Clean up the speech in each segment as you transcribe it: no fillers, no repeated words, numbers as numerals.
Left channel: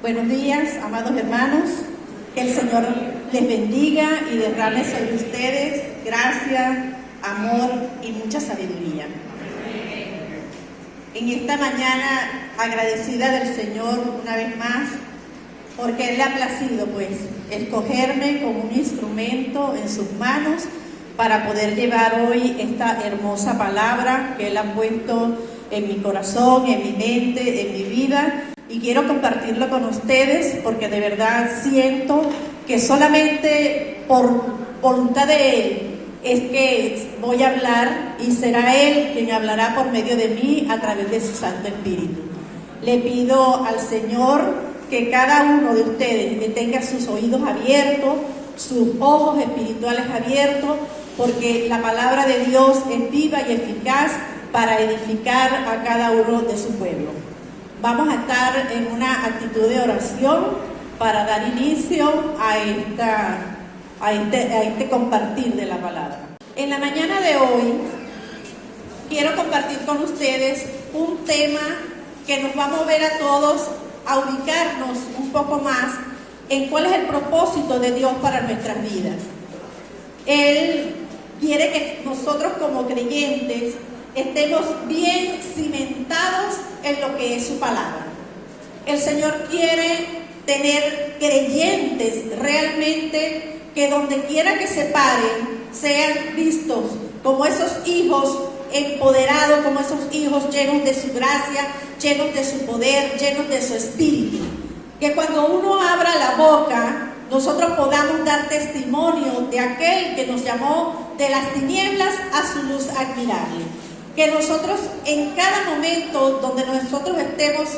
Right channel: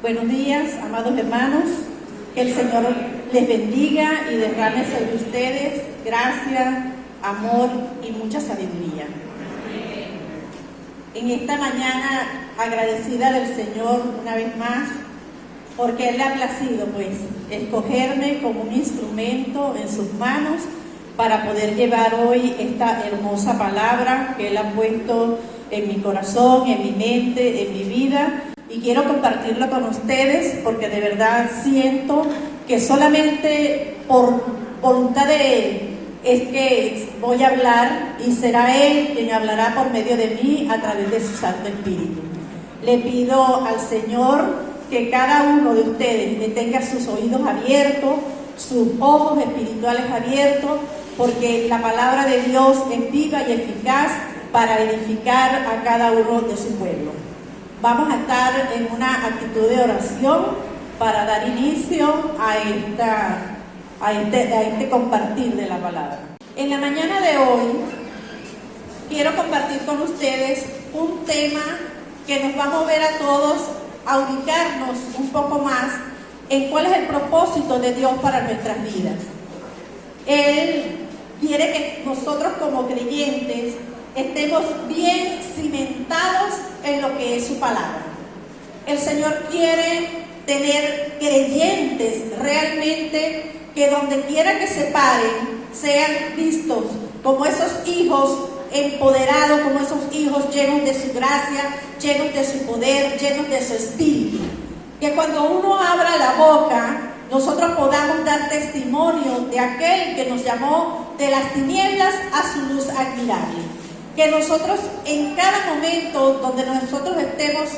Buenos días, amados hermanos. Que el Señor les bendiga y derrame sobre ustedes gracia, amor y mucha sabiduría. En esta mañana, agradecida del Señor una vez más, porque Él le ha placido, escogerme como un instrumento en sus manos para poder llevar hoy esta hermosa palabra que Él ha puesto en mi corazón, en mi mente, en mi vida. Y quiero compartirlo con ustedes porque de verdad siento que solamente por voluntad de Él es que voy a hablar y será Él quien hablará por medio de mí a través de su Santo Espíritu. Le pido al Señor que cada uno de ustedes tenga sus oídos abiertos, sus ojos espirituales abiertos, porque la palabra de Dios es viva y eficaz para edificar a cada uno de su pueblo. Vamos a estar en una actitud de oración para dar inicio a este compartir de la palabra. En la mañana de hoy quiero compartir con ustedes un tema que nos va a mover a todos a ubicarnos un poco más en cuál es el propósito de Dios para nuestras vidas. Él quiere que nosotros como creyentes estemos bien cimentados en lo que es su palabra. El Señor quiere tener creyentes realmente que donde quiera que se paren sean vistos como esos hijos empoderados, como esos hijos llenos de su gracia, llenos de su poder, llenos de su espíritu. Que cuando uno abra la boca, nosotros podamos dar testimonio de aquel que nos llamó de las tinieblas a su luz admirable. Que nosotros en cada momento donde nosotros estemos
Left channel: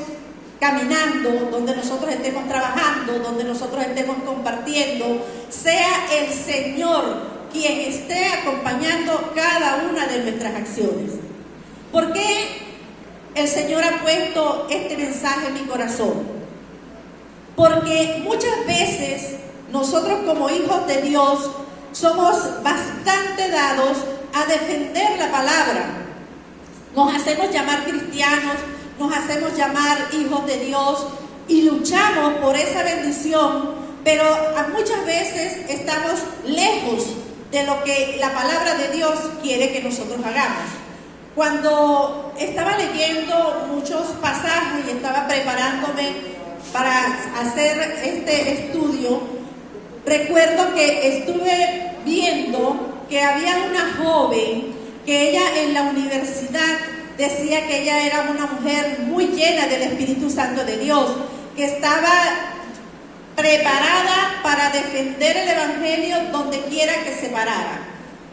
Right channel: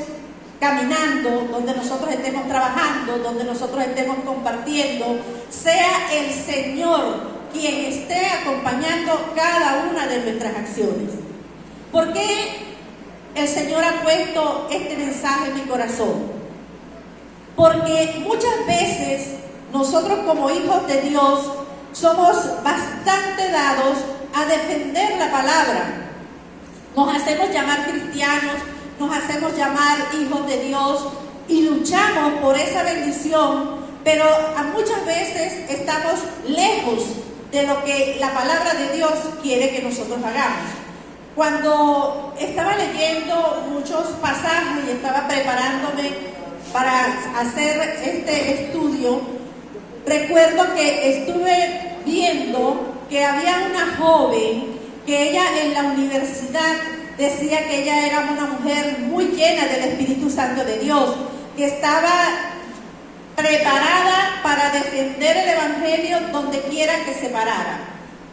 caminando, donde nosotros estemos trabajando, donde nosotros estemos compartiendo, sea el Señor quien esté acompañando cada una de nuestras acciones. ¿Por qué el Señor ha puesto este mensaje en mi corazón? Porque muchas veces nosotros como hijos de Dios somos bastante dados a defender la palabra. Nos hacemos llamar cristianos, nos hacemos llamar hijos de Dios y luchamos por esa bendición, pero muchas veces estamos lejos de lo que la palabra de Dios quiere que nosotros hagamos. Cuando estaba leyendo muchos pasajes y estaba preparándome para hacer este estudio, recuerdo que estuve viendo que había una joven que ella en la universidad decía que ella era una mujer muy llena del Espíritu Santo de Dios, que estaba preparada para defender el Evangelio donde quiera que se parara.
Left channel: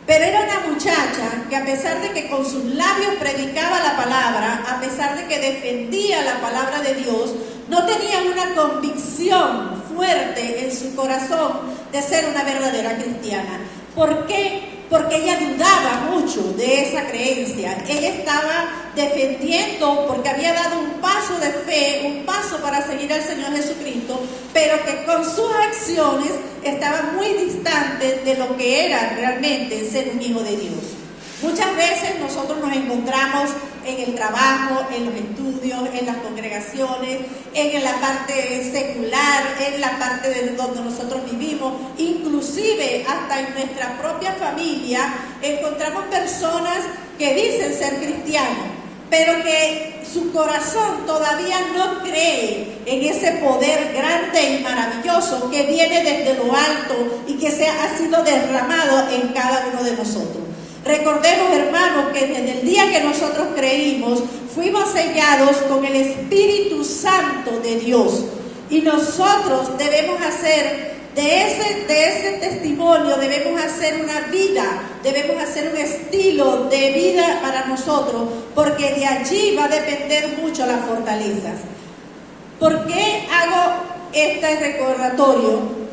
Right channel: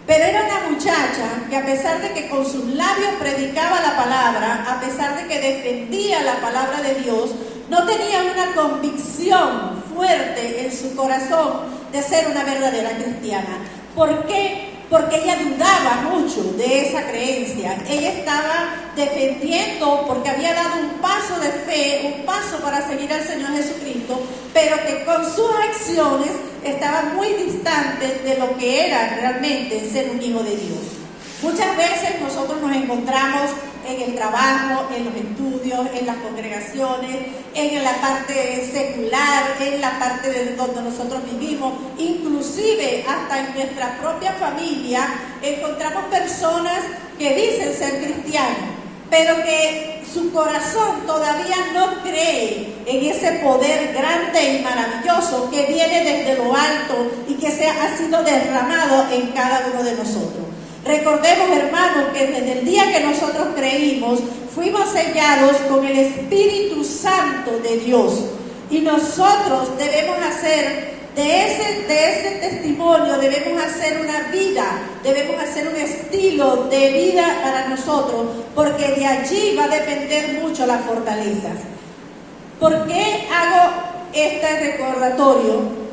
Pero era una muchacha que a pesar de que con sus labios predicaba la palabra, a pesar de que defendía la palabra de Dios, no tenía una convicción fuerte en su corazón de ser una verdadera cristiana. ¿Por qué? Porque ella dudaba mucho de esa creencia. Ella estaba defendiendo porque había dado un paso de fe, un paso para seguir al Señor Jesucristo, pero que con sus acciones estaba muy distante de lo que era realmente ser un hijo de Dios. Muchas veces nosotros nos encontramos en el trabajo, en los estudios, en las congregaciones, en la parte secular, en la parte de donde nosotros vivimos, inclusive hasta en nuestra propia familia, encontramos personas que dicen ser cristianos, pero que su corazón todavía no cree en ese poder grande y maravilloso que viene desde lo alto y que ha sido derramado en cada uno de nosotros. Recordemos, hermanos, que desde el día que nosotros creímos, fuimos sellados con el Espíritu Santo de Dios. Y nosotros debemos hacer de ese testimonio, debemos hacer una vida, debemos hacer un estilo de vida para nosotros, porque de allí va a depender mucho las fortalezas. ¿Por qué hago este recordatorio?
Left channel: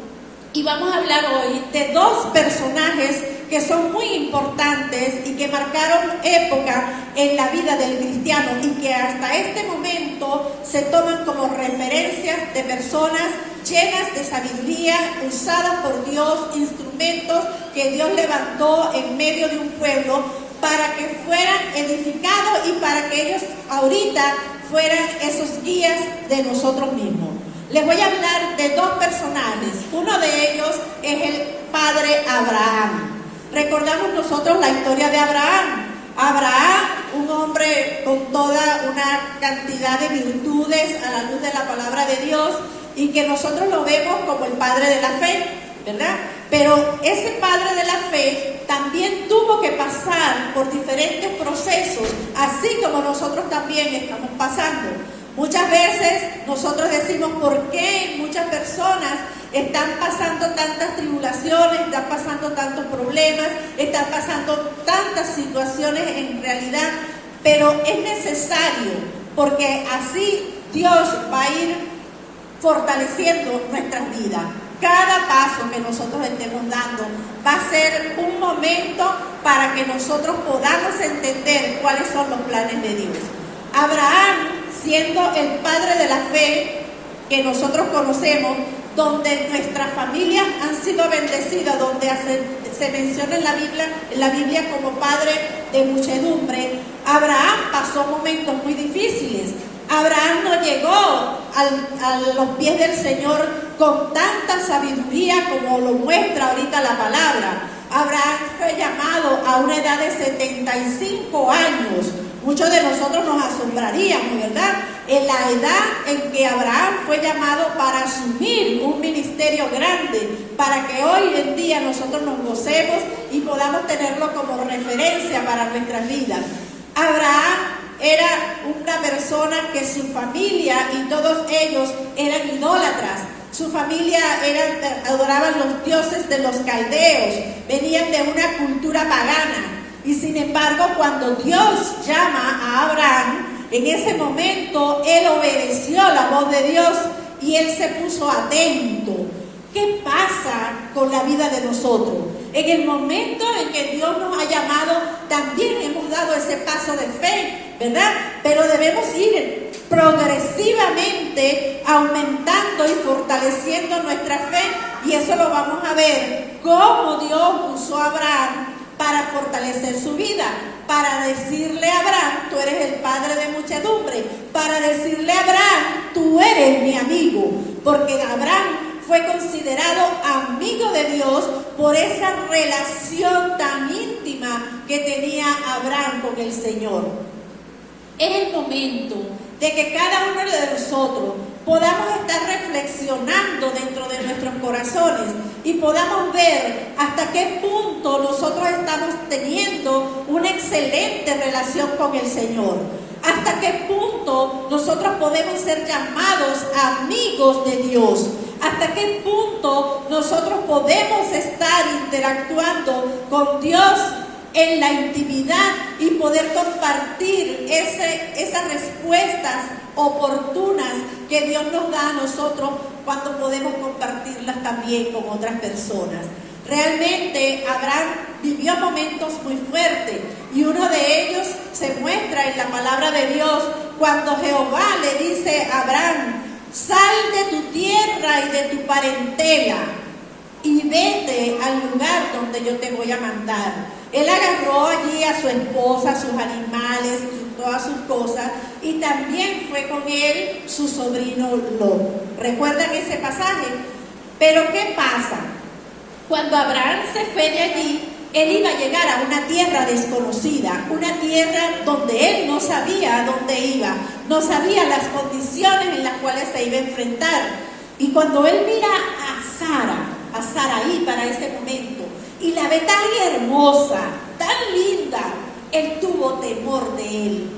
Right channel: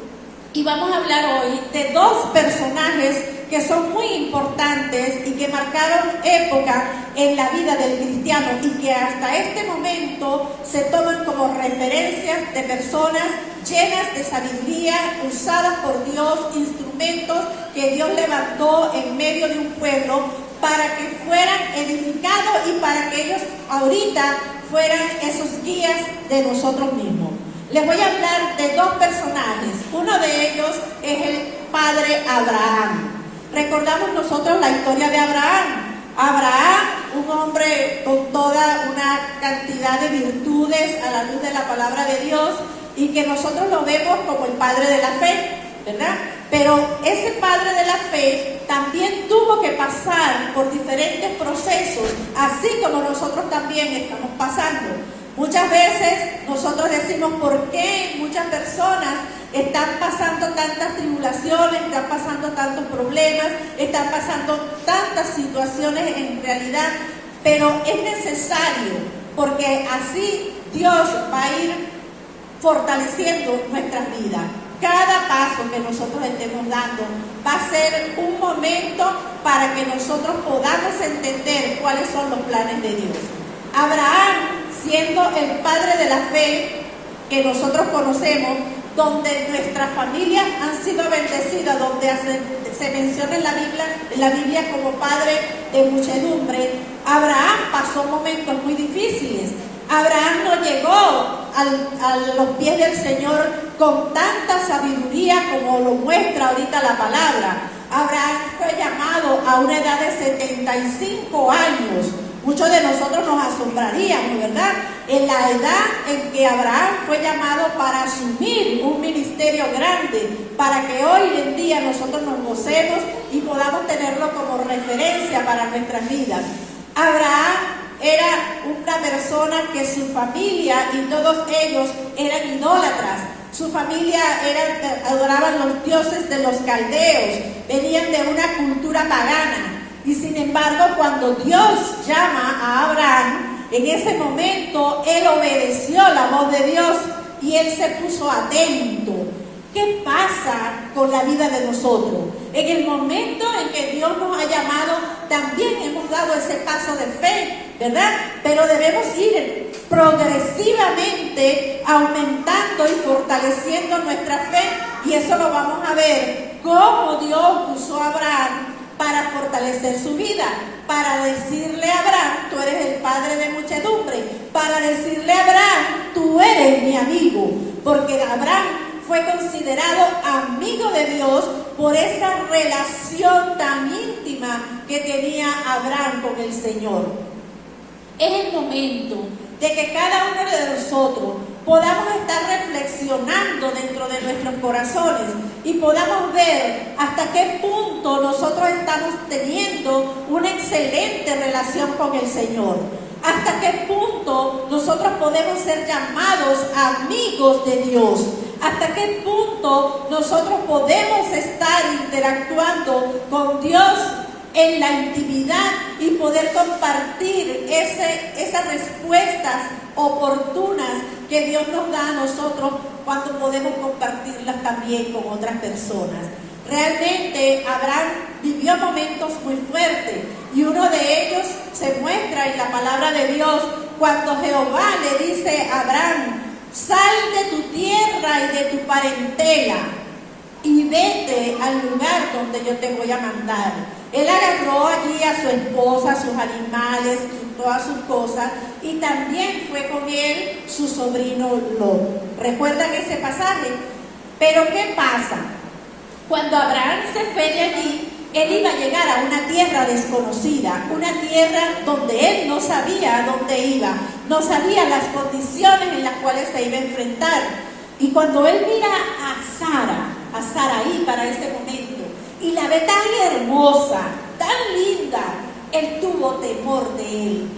Y vamos a hablar hoy de dos personajes que son muy importantes y que marcaron época en la vida del cristiano y que hasta este momento se toman como referencias de personas llenas de sabiduría, usadas por Dios, instrumentos que Dios levantó en medio de un pueblo para que fueran edificados y para que ellos ahorita fueran esos guías de nosotros mismos. Les voy a hablar de dos personajes. Uno de ellos es el padre Abraham. Recordamos nosotros la historia de Abraham. Abraham, un hombre con toda una cantidad de virtudes a la luz de la palabra de Dios, y que nosotros lo vemos como el padre de la fe, ¿verdad? Pero ese padre de la fe también tuvo que pasar por diferentes procesos, así como nosotros también estamos pasando. Muchas veces nosotros decimos por qué muchas personas están pasando tantas tribulaciones, están pasando tantos problemas, están pasando tantas situaciones en realidad, pero es necesario, porque así Dios va a ir fortaleciendo nuestras vidas. Cada paso que nosotros estemos dando va a ser un momento para que nosotros podamos entender cuáles son los planes de Dios. Abraham, siendo el padre de la fe que nosotros conocemos, donde nuestras familias han sido bendecidas, donde se menciona en la Biblia como padre de muchedumbre, Abraham pasó momentos muy difíciles. Abraham no llegó a los pies del Señor con tanta sabiduría como lo muestra ahorita la palabra. Abraham fue llamado a una edad de 75 años. Muchos de nosotros nos asombraríamos, ¿verdad? En la edad en que Abraham fue llamado para asumir un ministerio grande, para que hoy en día nosotros nos gocemos y podamos tenerlo como referencia para nuestras vidas. Abraham era una persona que su familia y todos ellos eran idólatras. Su familia adoraban los dioses de los caldeos, venían de una cultura pagana. Y sin embargo, cuando Dios llama a Abraham, en ese momento él obedeció la voz de Dios y él se puso atento. ¿Qué pasa con la vida de nosotros? En el momento en que Dios nos ha llamado, también hemos dado ese paso de fe, ¿verdad? Pero debemos ir progresivamente aumentando y fortaleciendo nuestra fe, y eso lo vamos a ver, cómo Dios usó a Abraham para fortalecer su vida, para decirle a Abraham, tú eres el padre de muchedumbre, para decirle a Abraham, tú eres mi amigo, porque Abraham fue considerado amigo de Dios por esa relación tan íntima que tenía Abraham con el Señor. Es el momento de que cada uno de nosotros podamos estar reflexionando dentro de nuestros corazones y podamos ver hasta qué punto nosotros estamos teniendo una excelente relación con el Señor. Hasta qué punto nosotros podemos ser llamados amigos de Dios. Hasta qué punto nosotros podemos estar interactuando con Dios en la intimidad y poder compartir esas respuestas oportunas que Dios nos da a nosotros cuando podemos compartirlas también con otras personas. Realmente Abraham vivió momentos muy fuertes y uno de ellos se muestra en la palabra de Dios cuando Jehová le dice a Abraham, sal de tu tierra y de tu parentela y vete al lugar donde yo te voy a mandar. Él agarró allí a su esposa, a sus animales, todas sus cosas, y también fue con él su sobrino Lot. ¿Recuerdan ese pasaje? Pero ¿qué pasa? Cuando Abraham se fue de allí, él iba a llegar a una tierra desconocida, una tierra donde él no sabía a dónde iba, no sabía las condiciones en las cuales se iba a enfrentar. Y cuando él mira a Saraí para ese momento, y la ve tan hermosa, tan linda, él tuvo temor de él,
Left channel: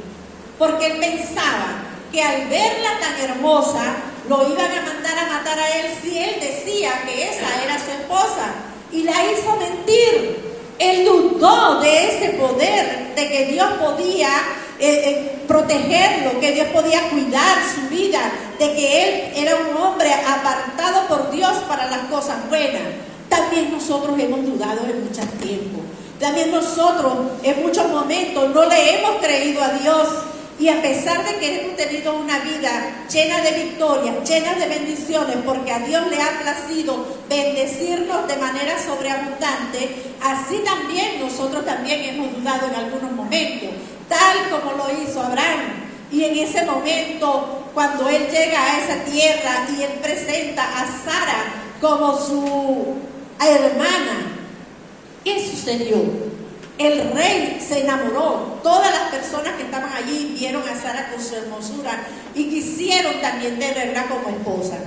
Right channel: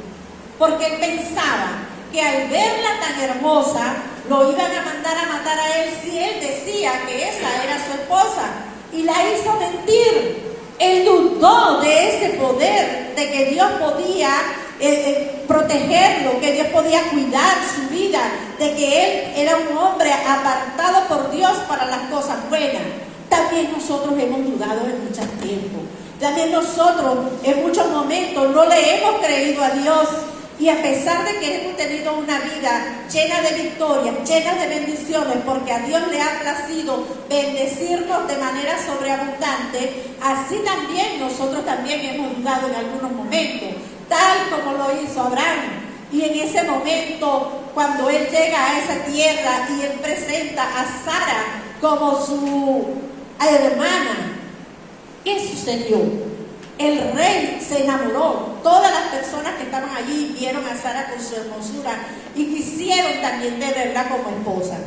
porque él pensaba que al verla tan hermosa, lo iban a mandar a matar a él si él decía que esa era su esposa, y la hizo mentir. Él dudó de ese poder, de que Dios podía protegerlo, que Dios podía cuidar su vida, de que él era un hombre apartado por Dios para las cosas buenas. También nosotros hemos dudado en muchos tiempos. También nosotros en muchos momentos no le hemos creído a Dios. Y a pesar de que hemos tenido una vida llena de victorias, llena de bendiciones, porque a Dios le ha placido bendecirnos de manera sobreabundante, así también nosotros también hemos dudado en algunos momentos, tal como lo hizo Abraham. Y en ese momento cuando él llega a esa tierra y él presenta a Sara como su hermana, ¿qué sucedió? El rey se enamoró. Todas las personas que estaban allí vieron a Sara con su hermosura y quisieron también tenerla como esposa.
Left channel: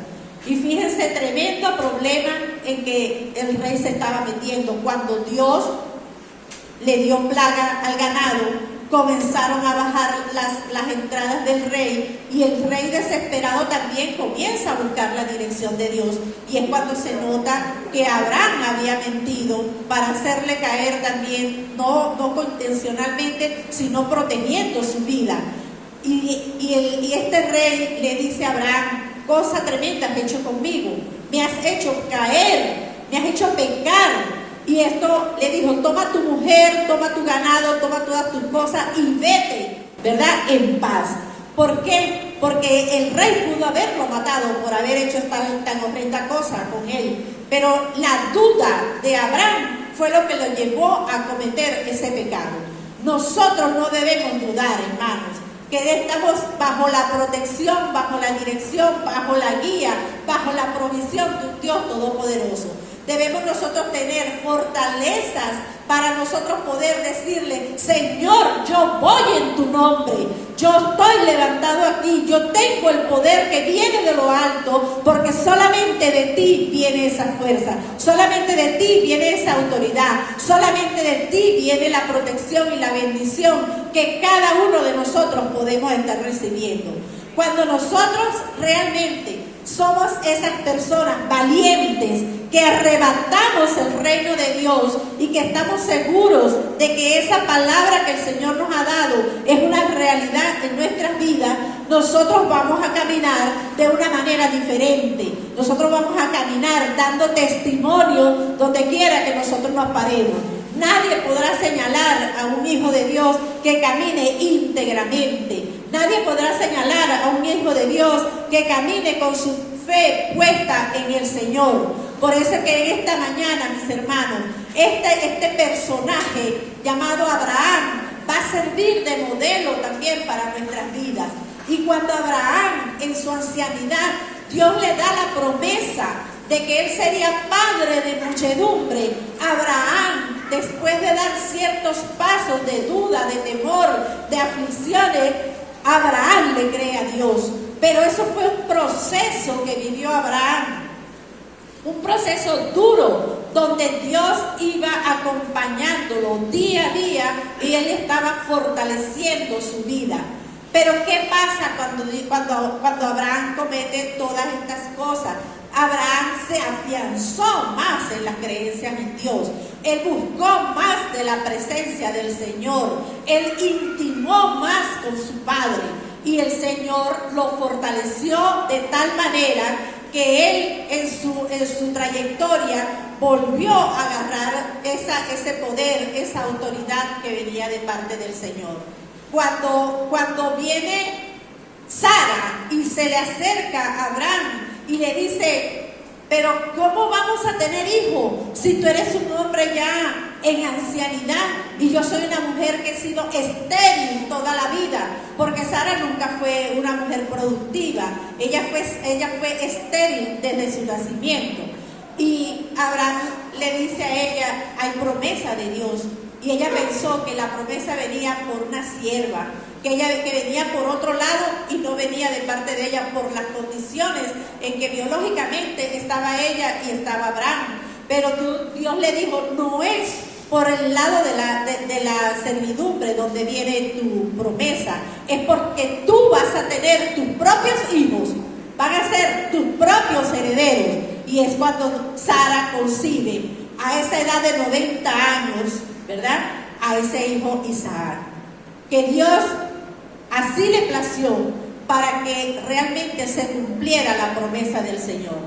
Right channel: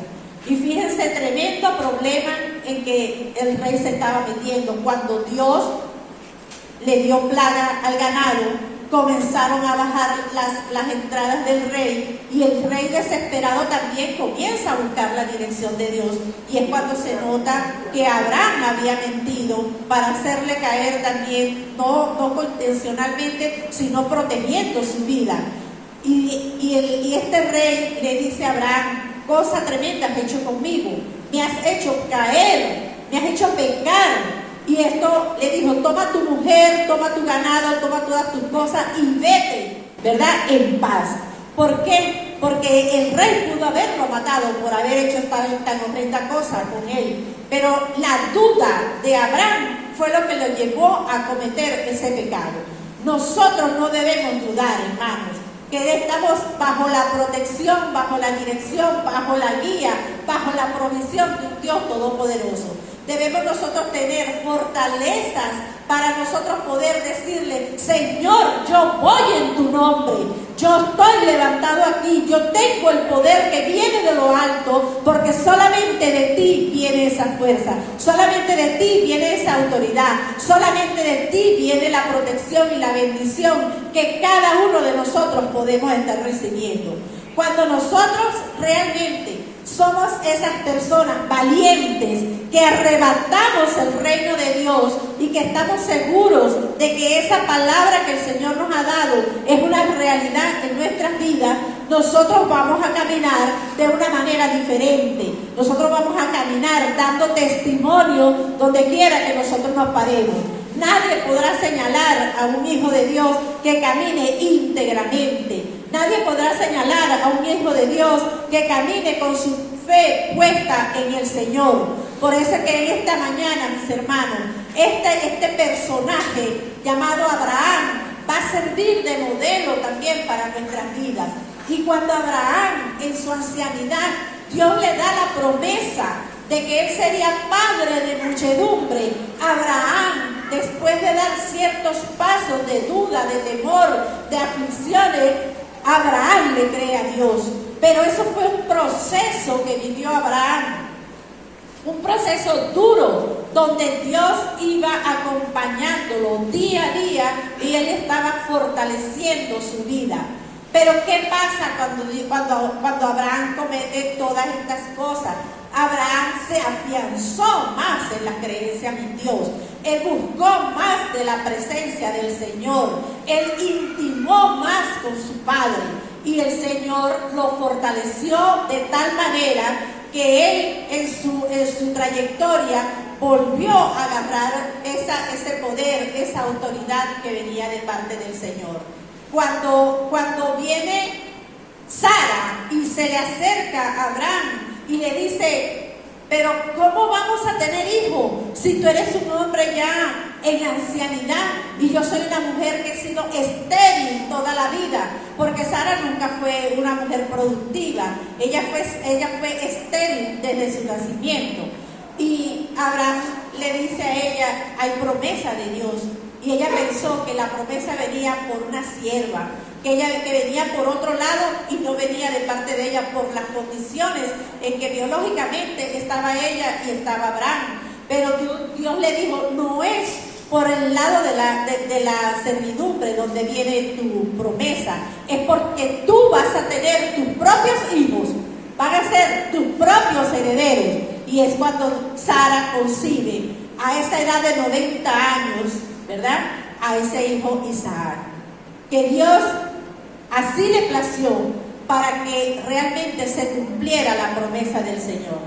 Y fíjense, tremendo problema en que el rey se estaba metiendo. Cuando Dios le dio plaga al ganado, comenzaron a bajar las entradas del rey, y el rey desesperado también comienza a buscar la dirección de Dios, y es cuando se nota que Abraham había mentido para hacerle caer también, no intencionalmente, sino protegiendo su vida. Y este rey le dice a Abraham: cosa tremenda has hecho conmigo, me has hecho caer, me has hecho pecar. Y esto le dijo: toma tu mujer, toma tu ganado, toma todas tus cosas y vete, ¿verdad?, en paz. ¿Por qué? Porque el rey pudo haberlo matado por haber hecho tan horrenda cosa con él. Pero la duda de Abraham fue lo que lo llevó a cometer ese pecado. Nosotros no debemos dudar, hermanos, que estamos bajo la protección, bajo la dirección, bajo la guía, bajo la provisión de un Dios todopoderoso. Debemos nosotros tener fortalezas para nosotros poder decirle: Señor, yo voy en tu nombre, yo estoy levantado aquí, yo tengo el poder que viene de lo alto, porque solamente de ti viene esa fuerza, solamente de ti viene esa autoridad, solamente de ti viene la protección y la bendición que cada uno de nosotros podemos estar recibiendo. Cuando nosotros realmente somos esas personas valientes que arrebatamos el reino de Dios y que estamos seguros de que esa palabra que el Señor nos ha dado es una realidad en nuestras vidas, nosotros vamos a caminar de una manera diferente. Nosotros vamos a caminar dando testimonio donde quiera que nosotros nos paremos. Nadie podrá señalar a un hijo de Dios que camine íntegramente. Nadie podrá señalar a un hijo de Dios que camine con su fe puesta en el Señor. Por eso que en esta mañana, mis hermanos, este personaje llamado Abraham va a servir de modelo también para nuestras vidas. Y cuando Abraham, en su ancianidad, Dios le da la promesa de que él sería padre de muchedumbre, Abraham, después de dar ciertos pasos de duda, de temor, de aflicciones, Abraham le cree a Dios. Pero eso fue un proceso que vivió Abraham, un proceso duro, donde Dios iba acompañándolo día a día y él estaba fortaleciendo su vida. Pero ¿qué pasa cuando Abraham comete todas estas cosas? Abraham se afianzó más en las creencias en Dios. Él buscó más de la presencia del Señor. Él intimó más con su Padre. Y el Señor lo fortaleció de tal manera que él en su trayectoria volvió a agarrar ese poder, esa autoridad que venía de parte del Señor. Cuando viene Sara y se le acerca a Abraham y le dice: pero ¿cómo vamos a tener hijo si tú eres un hombre ya en ancianidad y yo soy una mujer que he sido estéril toda la vida? Porque Sara nunca fue una mujer productiva, ella fue estéril desde su nacimiento. Y Abraham le dice a ella: hay promesa de Dios. Y ella pensó que la promesa venía por una sierva, que venía por otro lado y no venía de parte de ella por las condiciones en que biológicamente estaba ella y estaba Abraham. Pero Dios le dijo: no es por el lado de la servidumbre donde viene tu promesa, es porque tú vas a tener tus propios hijos, van a ser tus propios herederos. Y es cuando Sara concibe a esa edad de 90 años, ¿verdad?, a ese hijo Isaac, que Dios así le plació para que realmente se cumpliera la promesa del Señor.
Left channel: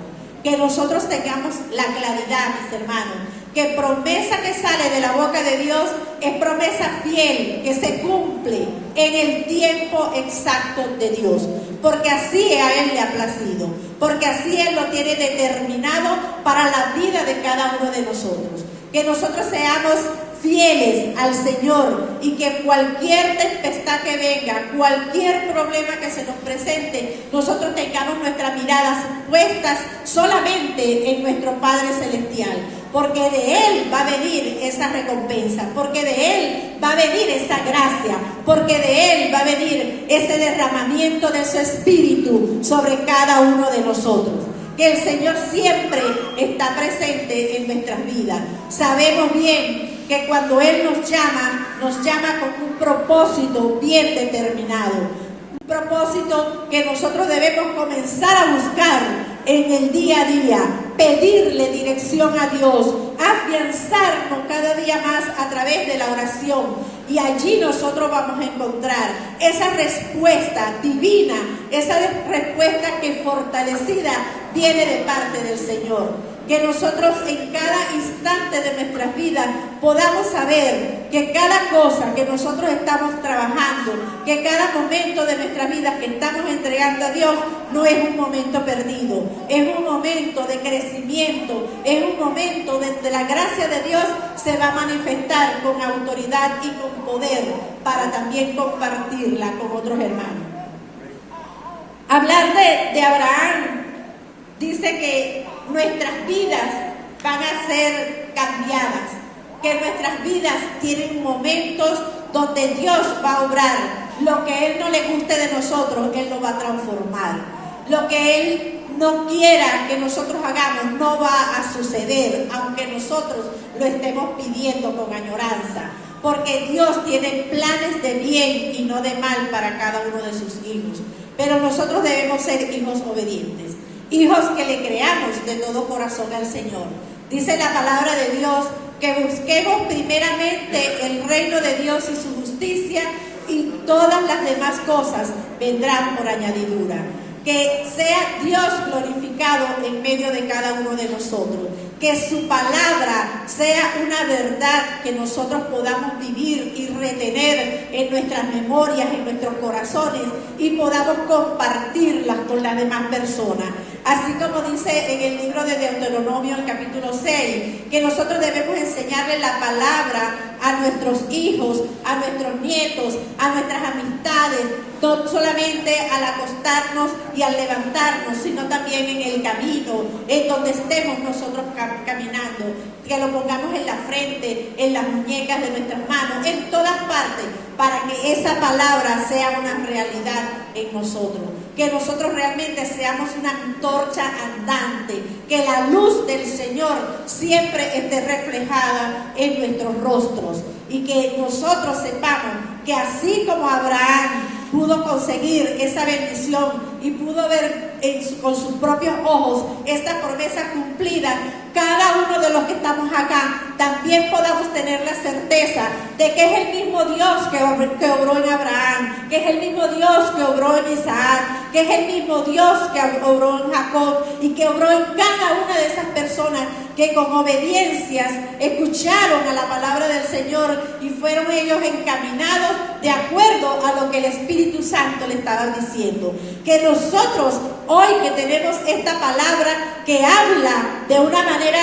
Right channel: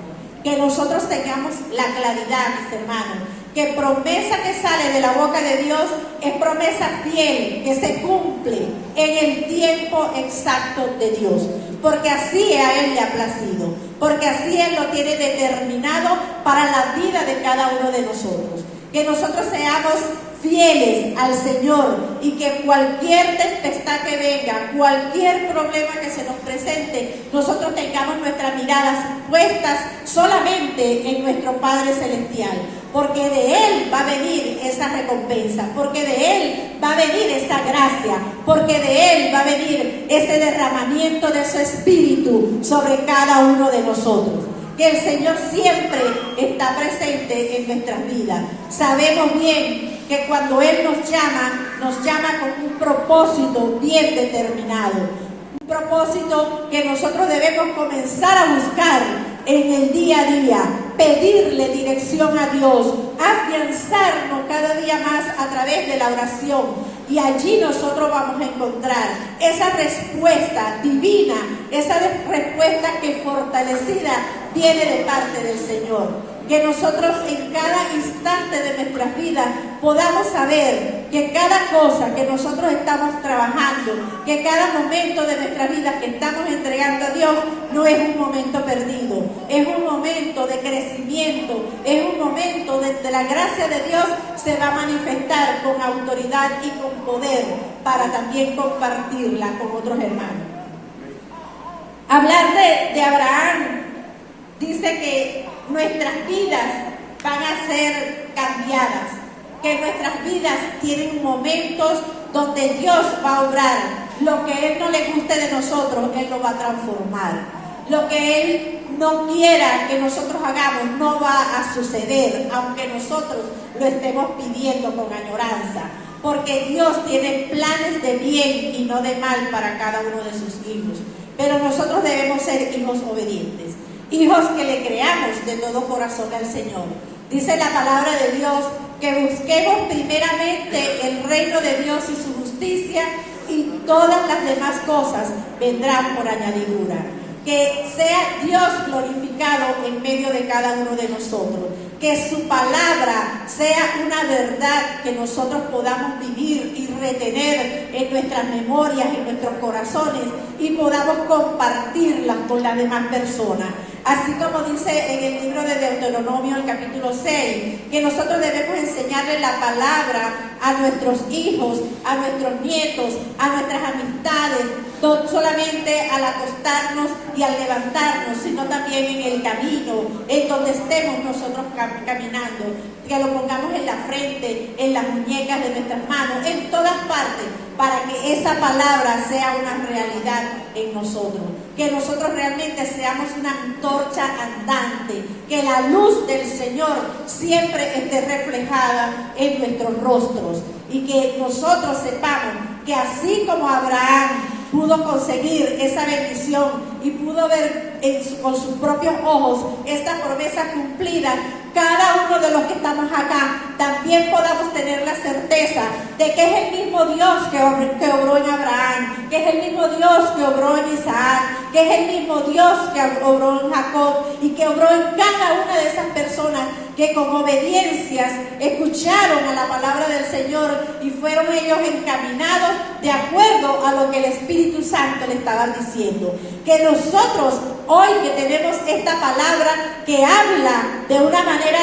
Que nosotros tengamos la claridad, mis hermanos, que promesa que sale de la boca de Dios es promesa fiel, que se cumple en el tiempo exacto de Dios, porque así a Él le ha placido, porque así Él lo tiene determinado para la vida de cada uno de nosotros. Que nosotros seamos fieles al Señor, y que cualquier tempestad que venga, cualquier problema que se nos presente, nosotros tengamos nuestras miradas puestas solamente en nuestro Padre Celestial, porque de Él va a venir esa recompensa, porque de Él va a venir esa gracia, porque de Él va a venir ese derramamiento de su Espíritu sobre cada uno de nosotros. Que el Señor siempre está presente en nuestras vidas. Sabemos bien que cuando Él nos llama con un propósito bien determinado, un propósito que nosotros debemos comenzar a buscar en el día a día, pedirle dirección a Dios, afianzarnos cada día más a través de la oración, y allí nosotros vamos a encontrar esa respuesta divina, esa respuesta que fortalecida viene de parte del Señor. Que nosotros en cada instante de nuestras vidas podamos saber que cada cosa que nosotros estamos trabajando, que cada momento de nuestra vida que estamos entregando a Dios, no es un momento perdido, es un momento de crecimiento, es un momento donde la gracia de Dios se va a manifestar con autoridad y con poder para también compartirla con otros hermanos. Hablar de Abraham dice que nuestras vidas van a ser cambiadas, que nuestras vidas tienen momentos donde Dios va a obrar. Lo que Él no le guste de nosotros, Él lo va a transformar. Lo que Él no quiera que nosotros hagamos no va a suceder, aunque nosotros lo estemos pidiendo con añoranza. Porque Dios tiene planes de bien y no de mal para cada uno de sus hijos. Pero nosotros debemos ser hijos obedientes. Hijos que le creamos de todo corazón al Señor. Dice la palabra de Dios que busquemos primeramente el reino de Dios y su justicia, y todas las demás cosas vendrán por añadidura. Que sea Dios glorificado en medio de cada uno de nosotros. Que su palabra sea una verdad que nosotros podamos vivir y retener en nuestras memorias, en nuestros corazones, y podamos compartirlas con las demás personas. Así como dice en el libro de Deuteronomio, el capítulo 6, que nosotros debemos enseñarle la palabra a nuestros hijos, a nuestros nietos, a nuestras amistades, no solamente al acostarnos y al levantarnos, sino también en el camino, en donde estemos nosotros caminando, que lo pongamos en la frente, en las muñecas de nuestras manos, en todas partes, para que esa palabra sea una realidad en nosotros, que nosotros realmente seamos una antorcha andante, que la luz del Señor siempre esté reflejada en nuestros rostros, y que nosotros sepamos que así como Abraham pudo conseguir esa bendición y pudo ver con sus propios ojos esta promesa cumplida, cada uno de los que estamos acá también podamos tener la certeza de que es el mismo Dios que obró en Abraham, que es el mismo Dios que obró en Isaac, que es el mismo Dios que obró en Jacob, y que obró en cada una de esas personas que con obediencias escucharon a la palabra del Señor y fueron ellos encaminados de acuerdo a lo que el Espíritu Santo le estaba diciendo. Que nosotros hoy que tenemos esta palabra que habla de una manera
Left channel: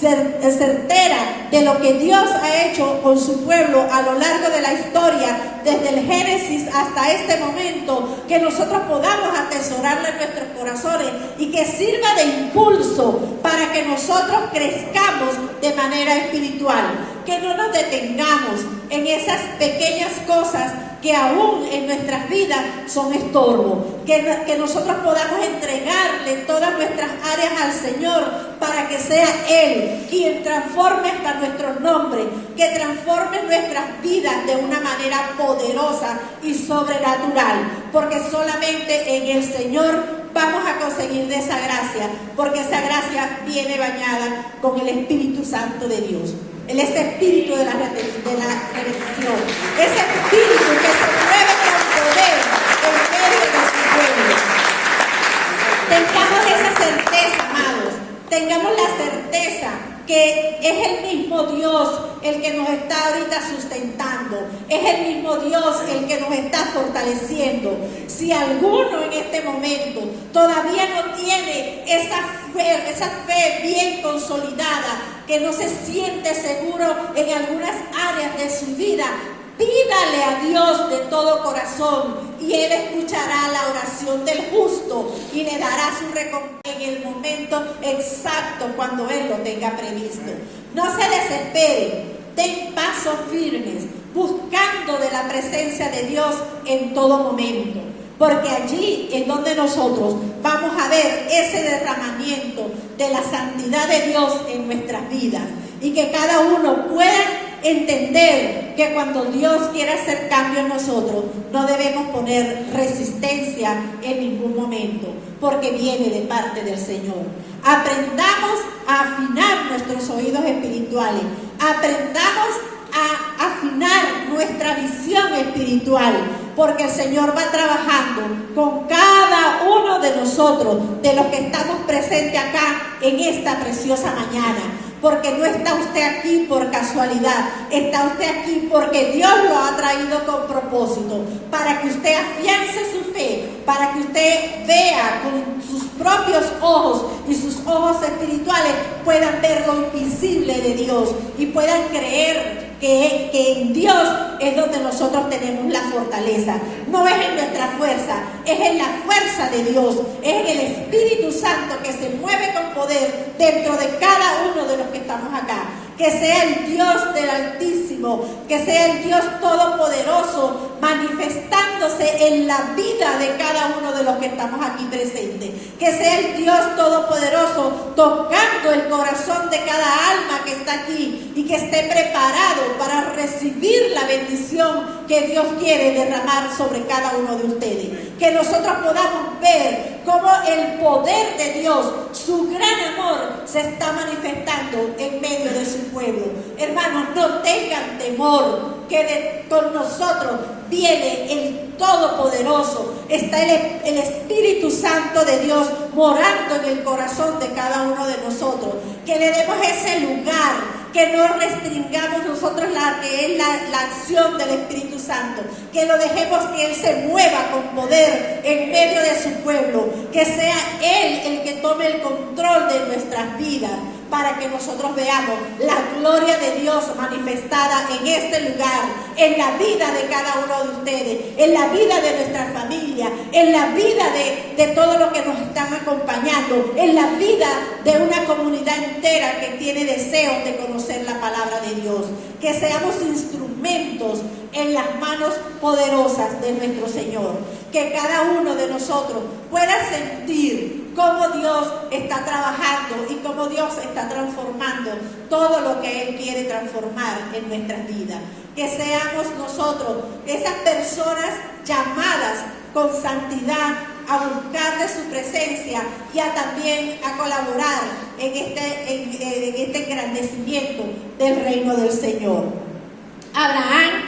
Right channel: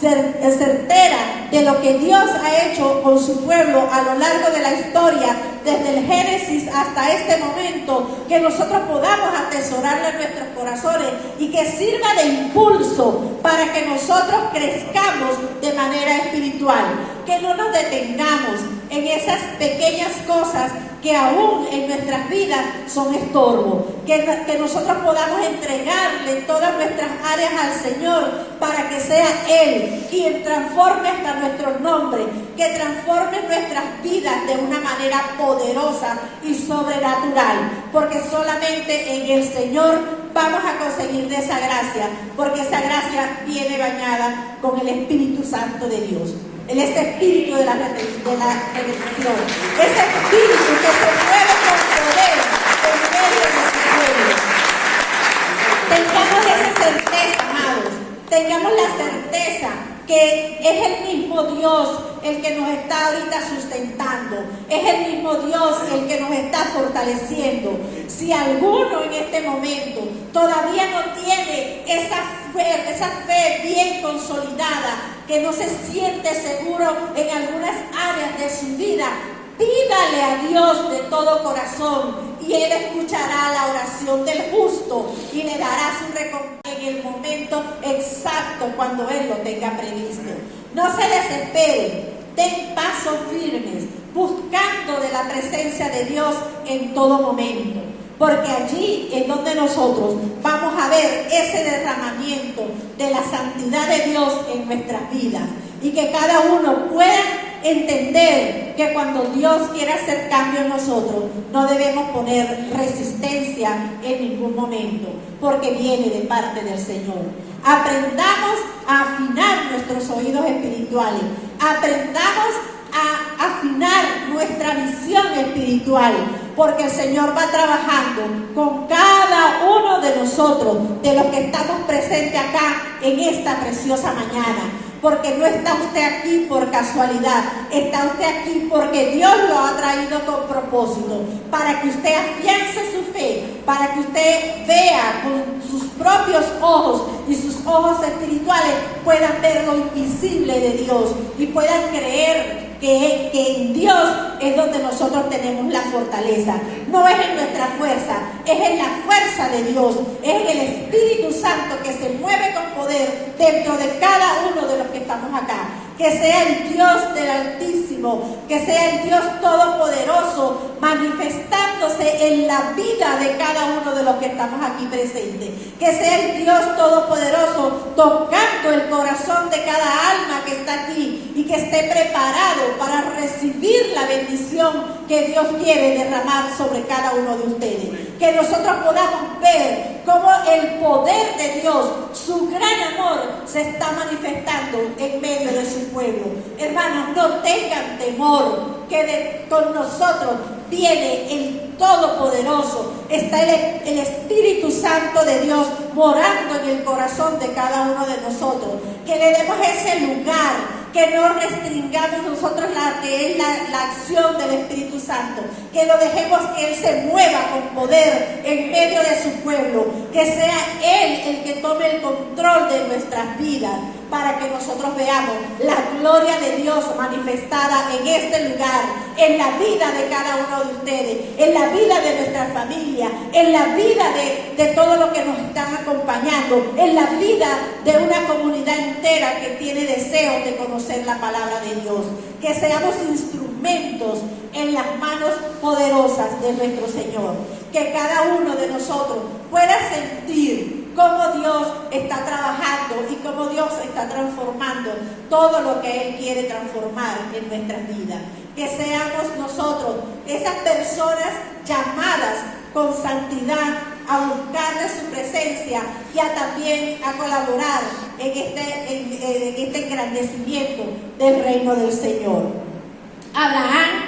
certera de lo que Dios ha hecho con su pueblo a lo largo de la historia, desde el Génesis hasta este momento, que nosotros podamos atesorarla en nuestros corazones y que sirva de impulso para que nosotros crezcamos de manera espiritual, que no nos detengamos en esas pequeñas cosas que aún en nuestras vidas son estorbo, que nosotros podamos entregarle todas nuestras áreas al Señor para que sea Él quien transforme hasta nuestros nombres, que transforme nuestras vidas de una manera poderosa y sobrenatural, porque solamente en el Señor vamos a conseguir de esa gracia, porque esa gracia viene bañada con el Espíritu Santo de Dios. Ese espíritu de la redención, ese espíritu que se mueve con poder en medio de nuestro pueblo. Tengamos esa certeza, amados, tengamos la certeza que es el mismo Dios el que nos está ahorita sustentando, Es el mismo Dios el que nos está fortaleciendo. Si alguno en este momento todavía no tiene esa fe bien consolidada, que no se siente seguro en algunas áreas de su vida, pídale a Dios de todo corazón y Él escuchará la oración del justo y le dará su recompensa en el momento exacto cuando Él lo tenga previsto. No se desespere, den pasos firmes, buscando de la presencia de Dios en todo momento, porque allí es donde nosotros vamos a ver ese derramamiento de la santidad de Dios en nuestras vidas, y que cada uno pueda entender que cuando Dios quiere hacer cambio en nosotros, no debemos poner resistencia en ningún momento, porque viene de parte del Señor. Aprendamos a afinar nuestros oídos espirituales, aprendamos a afinar nuestra visión espiritual, porque el Señor va trabajando con cada uno de nosotros, de los que estamos presentes acá en esta preciosa mañana. Porque no está usted aquí por casualidad, está usted aquí porque Dios lo ha traído con propósito, para que usted afiance su fe, para que usted vea con sus propios ojos y sus ojos espirituales puedan ver lo invisible de Dios y puedan creer que en Dios es donde nosotros tenemos la fortaleza. No es en nuestra fuerza, es en la fuerza de Dios, es en el Espíritu Santo que se mueve con poder dentro de cada uno de los que estamos acá. Que sea el Dios del Altísimo, que sea el Dios Todopoderoso manifestándose en la vida de cada uno de los que estamos aquí presentes. Que sea el Dios Todopoderoso tocando el corazón de cada alma que está aquí y que esté preparado para recibir la bendición que Dios quiere derramar sobre cada uno de ustedes. Que nosotros podamos ver cómo el poder de Dios, su gran amor, se está manifestando en medio de su pueblo. Hermanos, no tengan temor, que con nosotros viene el Todopoderoso. Está el Espíritu Santo de Dios morando en el corazón de cada uno de nosotros. Que le demos ese lugar, que no restringamos nosotros la acción del Espíritu Santo, que lo dejemos que Él se mueva con poder en medio de su pueblo, que sea Él el que tome el control de nuestras vidas, para que nosotros veamos la gloria de Dios manifestada en este lugar, en la vida de cada uno de ustedes, en la vida de nuestra familia, en la vida de todos los que nos están acompañando, en la vida de una comunidad entera que tiene deseos de conocer la palabra de Dios. Que seamos instrumentos en las manos poderosas de nuestro Señor. Que cada uno de nosotros pueda sentir cómo Dios está trabajando y cómo Dios está transformando todo lo que Él quiere transformar en nuestras vidas. Que seamos nosotros esas personas llamadas con santidad a buscarle su presencia y también a colaborar en este engrandecimiento del reino del Señor. Abraham,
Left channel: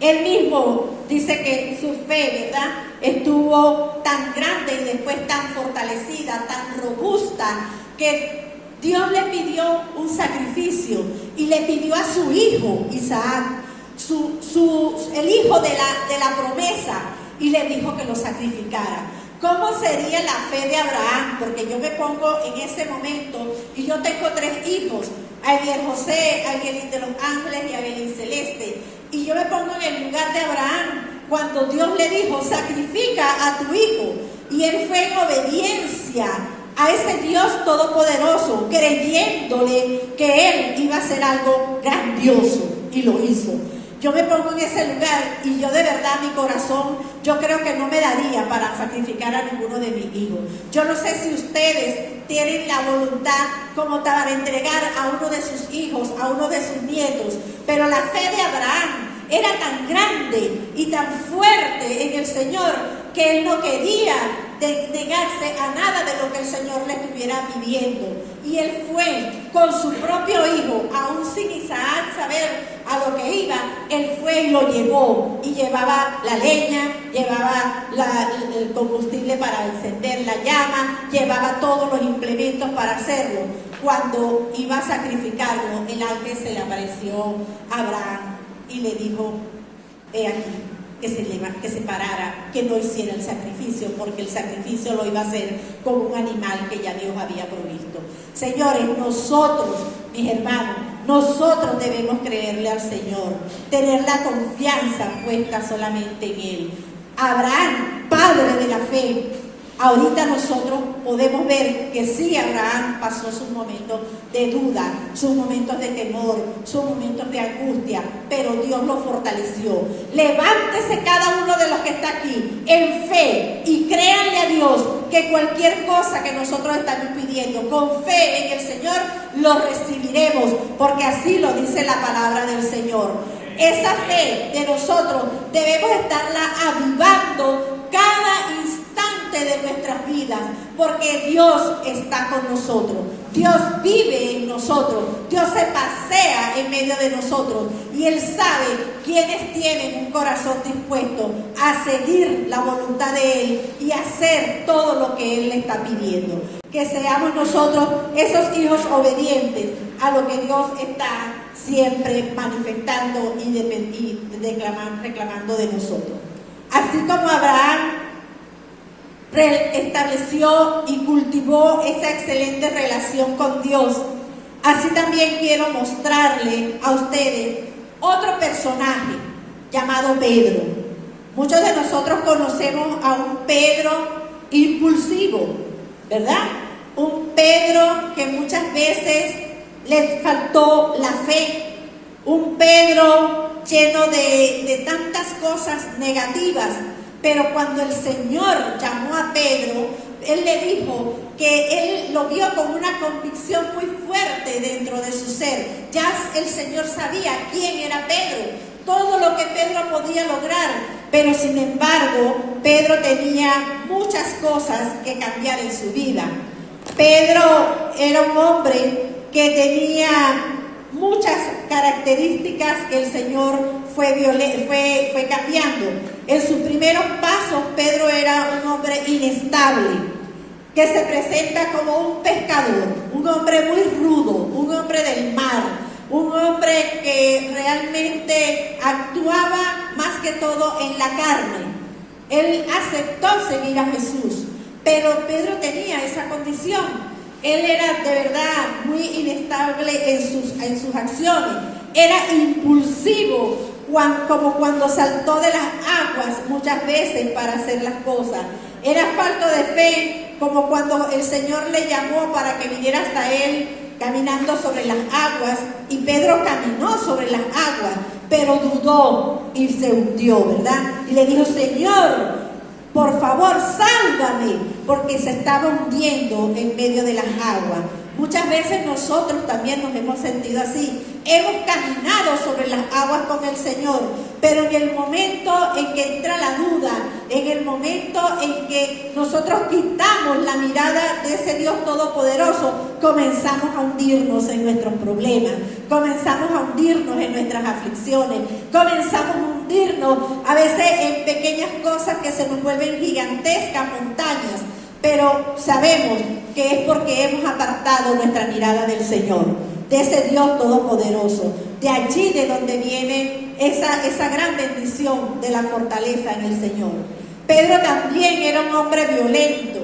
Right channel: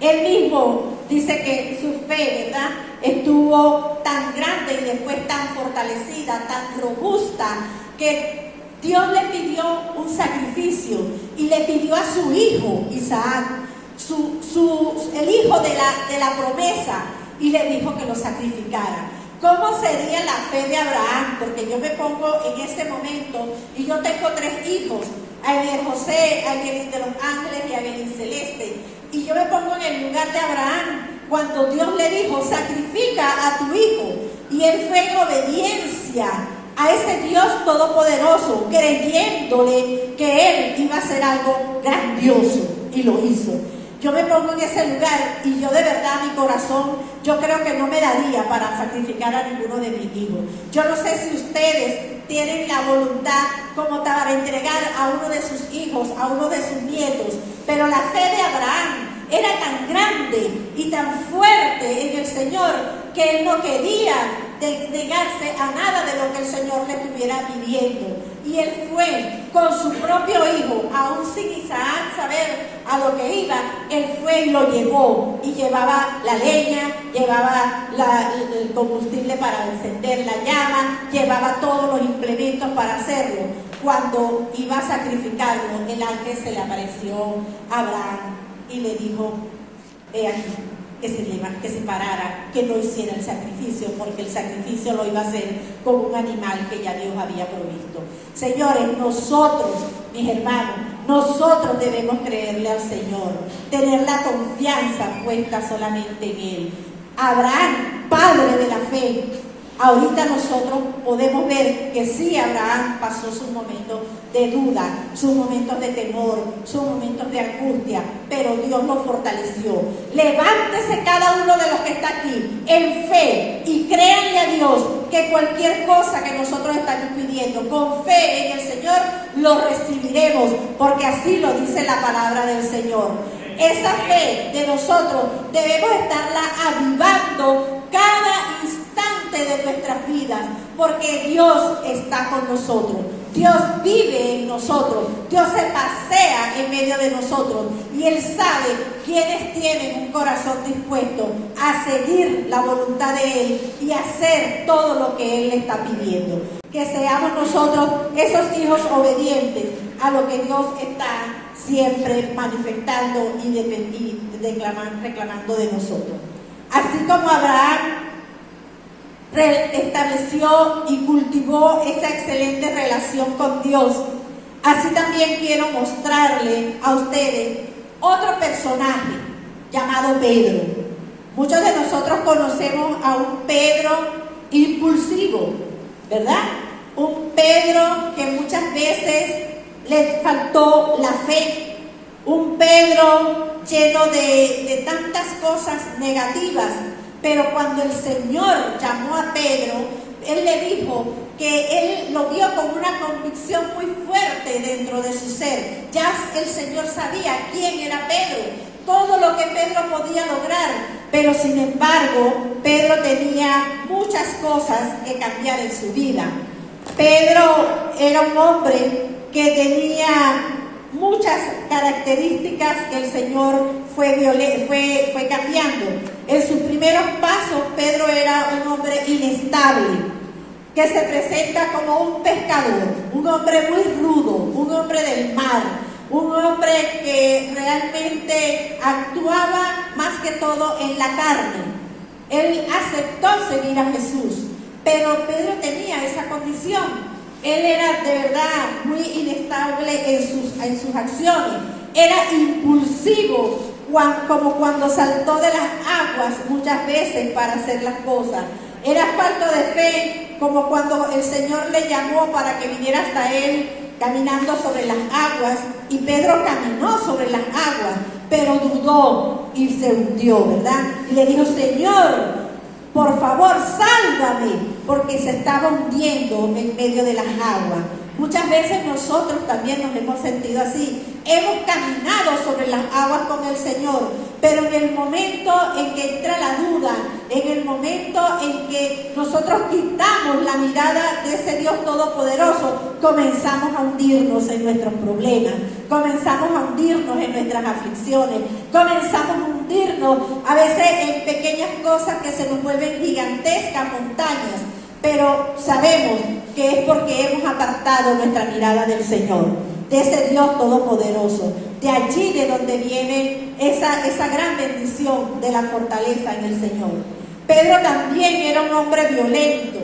él mismo dice que su fe, ¿verdad?, estuvo tan grande y después tan fortalecida, tan robusta, que Dios le pidió un sacrificio y le pidió a su hijo Isaac, el hijo de la promesa, y le dijo que lo sacrificara. ¿Cómo sería la fe de Abraham? Porque yo me pongo en ese momento y yo tengo 3 hijos, Abiel José, Abiel de los Ángeles y Abiel Celeste, y yo me pongo en el lugar de Abraham cuando Dios le dijo, sacrifica a tu hijo, y él fue en obediencia a ese Dios todopoderoso, creyéndole que él iba a hacer algo grandioso, y lo hizo. Yo me pongo en ese lugar y yo de verdad, mi corazón, yo creo que no me daría para sacrificar a ninguno de mis hijos. Yo no sé si ustedes tienen la voluntad como para entregar a uno de sus hijos, a uno de sus nietos, pero la fe de Abraham era tan grande y tan fuerte en el Señor que él no quería negarse a nada de lo que el Señor le estuviera pidiendo. Y él fue con su propio hijo, aún sin Isaac saber a lo que iba, él fue y lo llevó, y llevaba la leña, llevaba el combustible para encender la llama, llevaba todos los implementos para hacerlo. Cuando iba a sacrificarlo, el ángel se le apareció a Abraham y le dijo, aquí, que se parara, que no hiciera el sacrificio, porque el sacrificio lo iba a hacer con un animal que ya Dios había provisto. Señores, nosotros, mis hermanos, nosotros debemos creerle al Señor, tener la confianza puesta solamente en Él. Abraham, padre de la fe, ahorita nosotros podemos ver que sí, Abraham pasó sus momentos de duda, sus momentos de temor, sus momentos de angustia, pero Dios lo fortaleció. Levántese cada uno de los que está aquí en fe y créanle a Dios que cualquier cosa que nosotros estamos pidiendo con fe en el Señor, lo recibiremos, porque así lo dice la palabra del Señor. Esa fe de nosotros debemos estarla avivando cada instante de nuestras vidas, porque Dios está con nosotros, Dios vive en nosotros, Dios se pasea en medio de nosotros y Él sabe quiénes tienen un corazón dispuesto a seguir la voluntad de Él y hacer todo lo que Él le está pidiendo. Que seamos nosotros esos hijos obedientes a lo que Dios está siempre manifestando y reclamando de nosotros. Así como Abraham estableció y cultivó esa excelente relación con Dios, así también quiero mostrarle a ustedes otro personaje llamado Pedro. Muchos de nosotros conocemos a un Pedro impulsivo, ¿verdad? Un Pedro que muchas veces le faltó la fe, un Pedro lleno de tantas cosas negativas, pero cuando el Señor llamó a Pedro, Él le dijo que Él lo vio con una convicción muy fuerte dentro de su ser. Ya el Señor sabía quién era Pedro, todo lo que Pedro podía lograr, pero sin embargo, Pedro tenía muchas cosas que cambiar en su vida. Pedro era un hombre que tenía muchas características que el Señor fue cambiando. En sus primeros pasos, Pedro era un hombre inestable, que se presenta como un pescador, un hombre muy rudo, un hombre del mar, un hombre que realmente actuaba más que todo en la carne. Él aceptó seguir a Jesús, pero Pedro tenía esa condición. Él era de verdad muy inestable en sus acciones, era impulsivo, como cuando saltó de las aguas muchas veces para hacer las cosas. Era falto de fe, como cuando el Señor le llamó para que viniera hasta él caminando sobre las aguas, y Pedro caminó sobre las aguas, pero dudó y se hundió, ¿verdad? Y le dijo: Señor, por favor, sálvame, porque se estaba hundiendo en medio de las aguas. Muchas veces nosotros también nos hemos sentido así. Hemos caminado sobre las aguas con el Señor, pero en el momento en que entra la duda, en el momento en que nosotros quitamos la mirada de ese Dios todopoderoso, comenzamos a hundirnos en nuestros problemas, comenzamos a hundirnos en nuestras aflicciones, comenzamos a hundirnos a veces en pequeñas cosas que se nos vuelven gigantescas montañas, pero sabemos que es porque hemos apartado nuestra mirada del Señor, de ese Dios todopoderoso, de allí de donde viene esa gran bendición de la fortaleza en el Señor. Pedro también era un hombre violento.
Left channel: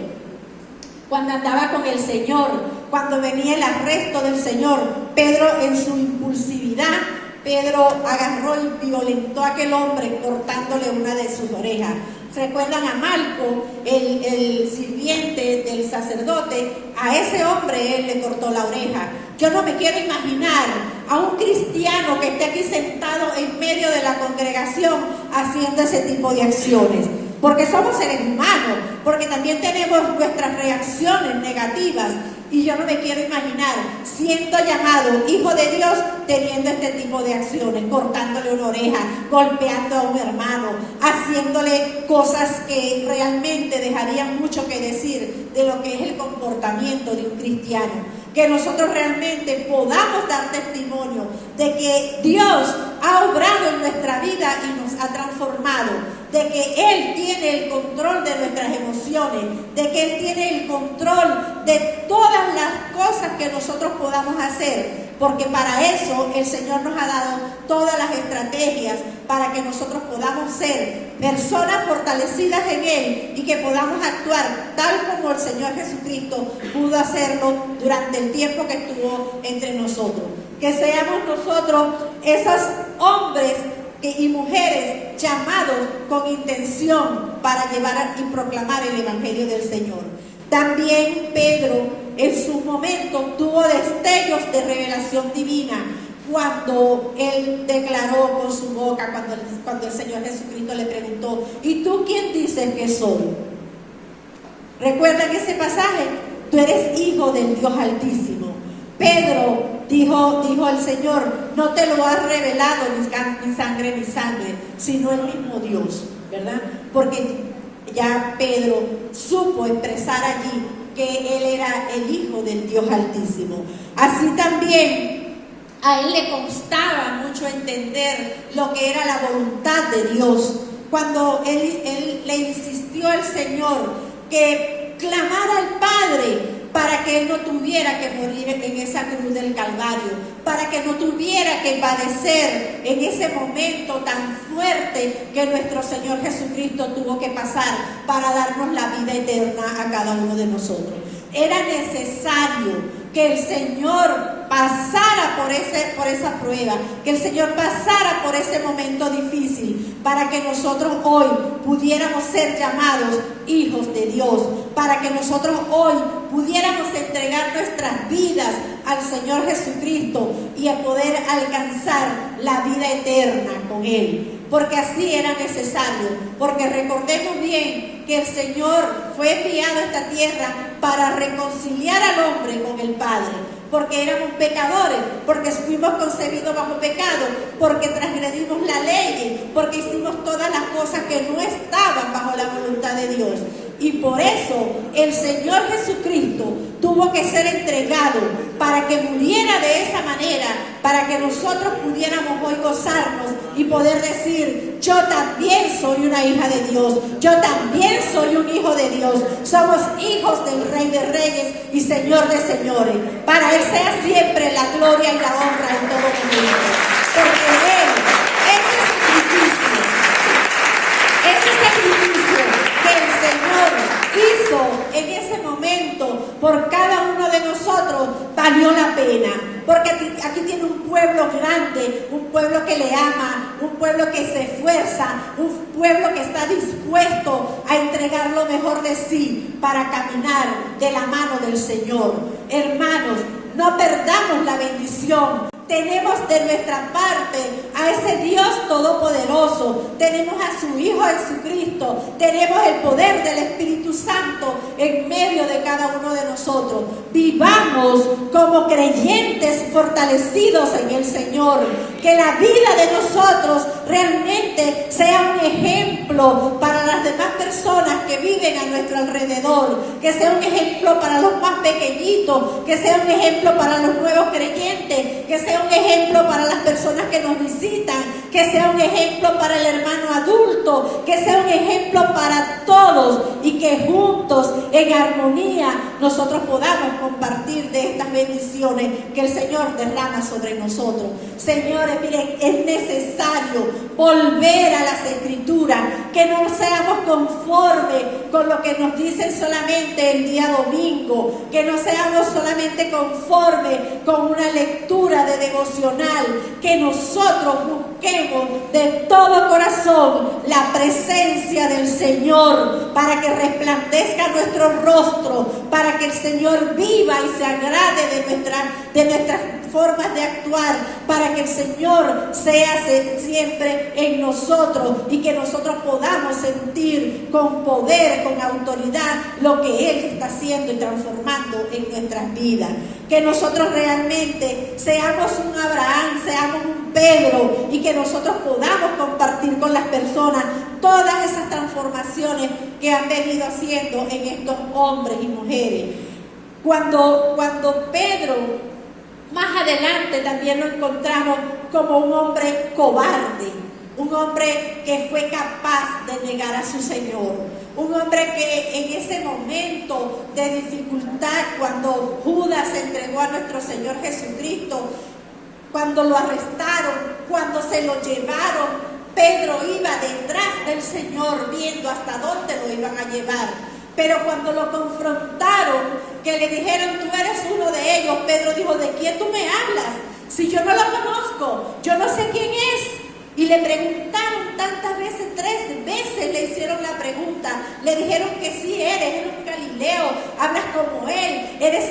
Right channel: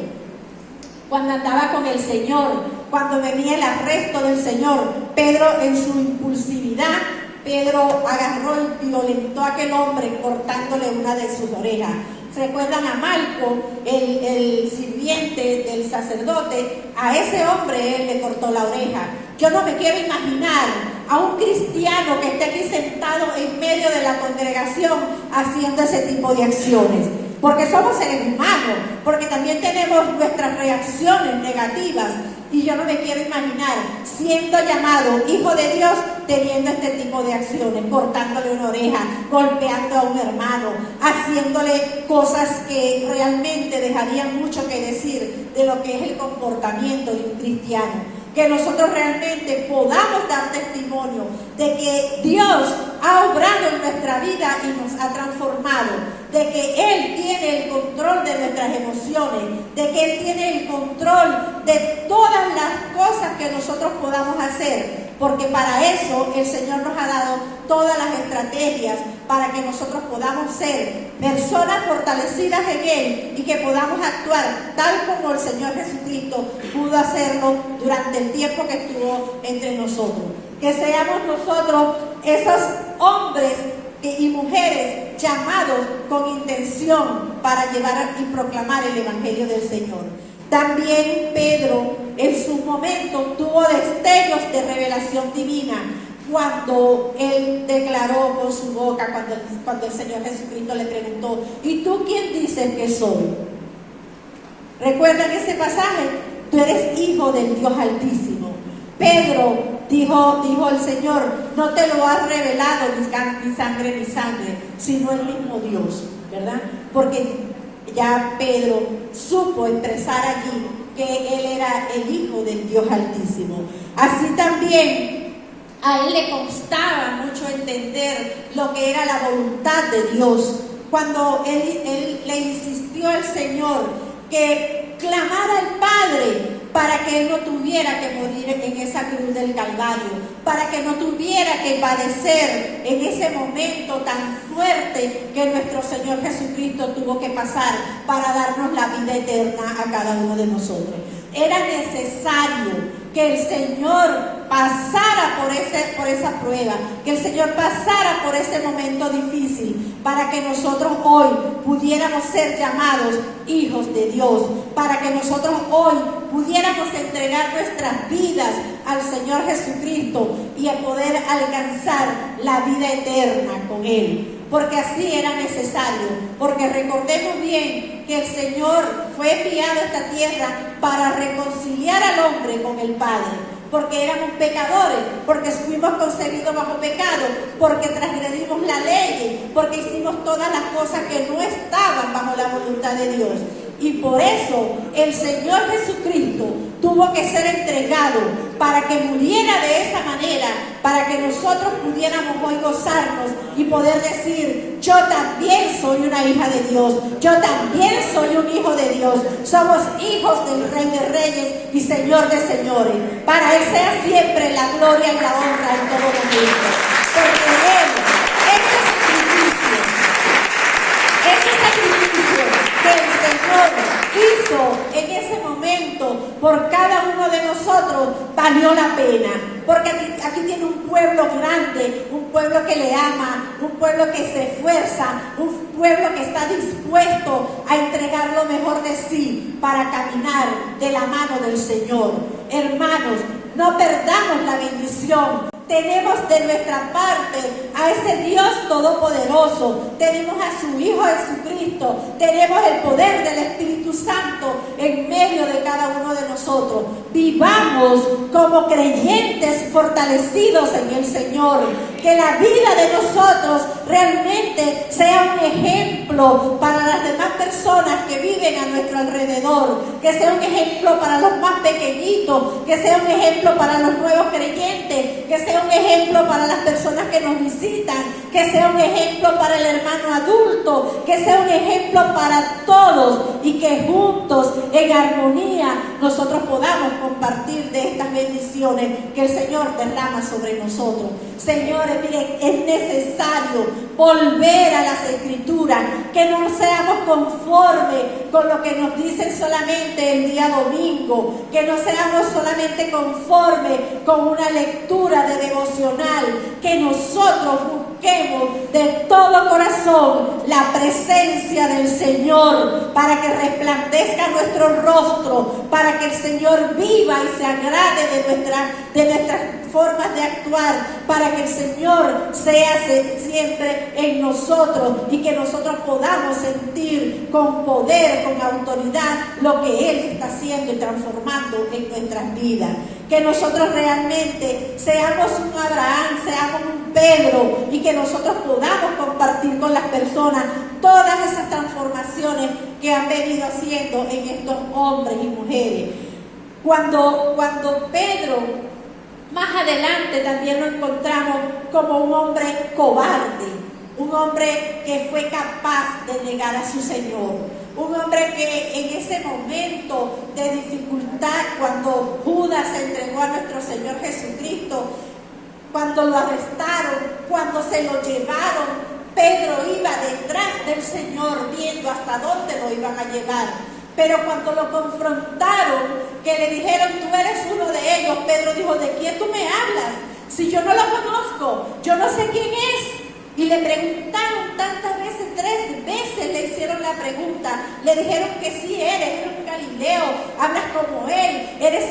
Cuando andaba con el Señor, cuando venía el arresto del Señor, Pedro en su impulsividad, Pedro agarró y violentó a aquel hombre cortándole una de sus orejas. ¿Recuerdan a Malco, el sirviente del sacerdote? A ese hombre él le cortó la oreja. Yo no me quiero imaginar a un cristiano que esté aquí sentado en medio de la congregación haciendo ese tipo de acciones. Porque somos seres humanos, porque también tenemos nuestras reacciones negativas. Y yo no me quiero imaginar siendo llamado hijo de Dios teniendo este tipo de acciones, cortándole una oreja, golpeando a un hermano, haciéndole cosas que realmente dejarían mucho que decir de lo que es el comportamiento de un cristiano. Que nosotros realmente podamos dar testimonio de que Dios ha obrado en nuestra vida y nos ha transformado, de que Él tiene el control de nuestras emociones, de que Él tiene el control de todas las cosas que nosotros podamos hacer, porque para eso el Señor nos ha dado todas las estrategias para que nosotros podamos ser personas fortalecidas en Él y que podamos actuar tal como el Señor Jesucristo pudo hacerlo durante el tiempo que estuvo entre nosotros. Que seamos nosotros esos hombres y mujeres llamados con intención para llevar y proclamar el Evangelio del Señor. También Pedro en su momento tuvo destellos de revelación divina cuando él declaró con su boca, cuando el Señor Jesucristo le preguntó: ¿y tú quién dices que soy? ¿Recuerdan ese pasaje? Tú eres hijo del Dios Altísimo. Pedro dijo el Señor: no te lo ha revelado ni sangre ni sangre, sino el mismo Dios, ¿verdad? Porque ya Pedro supo expresar allí que él era el hijo del Dios Altísimo. Así también a él le costaba mucho entender lo que era la voluntad de Dios. Cuando él le insistió al Señor que clamara al Padre para que él no tuviera que morir en esa cruz del Calvario, para que no tuviera que padecer en ese momento tan fuerte que nuestro Señor Jesucristo tuvo que pasar para darnos la vida eterna a cada uno de nosotros. Era necesario que el Señor pasara por esa prueba, que el Señor pasara por ese momento difícil, para que nosotros hoy pudiéramos ser llamados hijos de Dios, para que nosotros hoy pudiéramos entregar nuestras vidas al Señor Jesucristo y a poder alcanzar la vida eterna con Él. Porque así era necesario, porque recordemos bien que el Señor fue enviado a esta tierra para reconciliar al hombre con el Padre, porque éramos pecadores, porque fuimos concebidos bajo pecado, porque transgredimos la ley, porque hicimos todas las cosas que no estaban bajo la voluntad de Dios. Y por eso el Señor Jesucristo tuvo que ser entregado para que muriera de esa manera, para que nosotros pudiéramos hoy gozarnos y poder decir: yo también soy una hija de Dios, yo también soy un hijo de Dios, somos hijos del Rey de Reyes y Señor de Señores. Para Él sea siempre la gloria y la honra en todo momento, porque Él, ese sacrificio que el Señor hizo en ese momento por cada uno de nosotros, valió la pena, porque aquí tiene un pueblo grande, un pueblo que le ama, un pueblo que se esfuerza, un pueblo que está dispuesto a entregar lo mejor de sí para caminar de la mano del Señor. Hermanos, no perdamos la bendición. Tenemos de nuestra parte a ese Dios todopoderoso, tenemos a su Hijo Jesucristo, tenemos el poder del Espíritu Santo en medio de cada uno de nosotros. Vivamos como creyentes fortalecidos en el Señor, que la vida de nosotros realmente sea un ejemplo para las demás personas que viven a nuestro alrededor, que sea un ejemplo para los más pequeñitos, que sea un ejemplo para los nuevos creyentes, que sea un ejemplo para las personas que nos visitan, que sea un ejemplo para el hermano adulto, que sea un ejemplo para todos, y que juntos en armonía nosotros podamos compartir de estas bendiciones que el Señor derrama sobre nosotros. Señores, miren, es necesario volver a las Escrituras, que no seamos conformes con lo que nos dicen solamente el día domingo, que no seamos solamente conformes con una lectura de devocional, que nosotros busquemos de todo corazón la presencia del Señor, para que resplandezca nuestro rostro, para que el Señor viva y se agrade de nuestras formas de actuar, para que el Señor sea siempre en nosotros y que nosotros podamos sentir con poder, con autoridad, lo que Él está haciendo y transformando en nuestras vidas. Que nosotros realmente seamos un Abraham, seamos un Pedro, y que nosotros podamos compartir con las personas todas esas transformaciones que han venido haciendo en estos hombres y mujeres. Cuando Pedro, más adelante también lo encontramos como un hombre cobarde, un hombre que fue capaz de negar a su Señor, un hombre que en ese momento de dificultad, cuando Judas entregó a nuestro Señor Jesucristo, cuando lo arrestaron, cuando se lo llevaron Pedro iba detrás del Señor viendo hasta dónde lo iban a llevar. Pero cuando lo confrontaron, que le dijeron, tú eres uno de ellos, Pedro dijo, ¿de quién tú me hablas? Si yo no lo conozco, yo no sé quién es. Y le preguntaron tantas veces, 3 veces le hicieron la pregunta. Le dijeron que sí, eres un Galileo, hablas como él, eres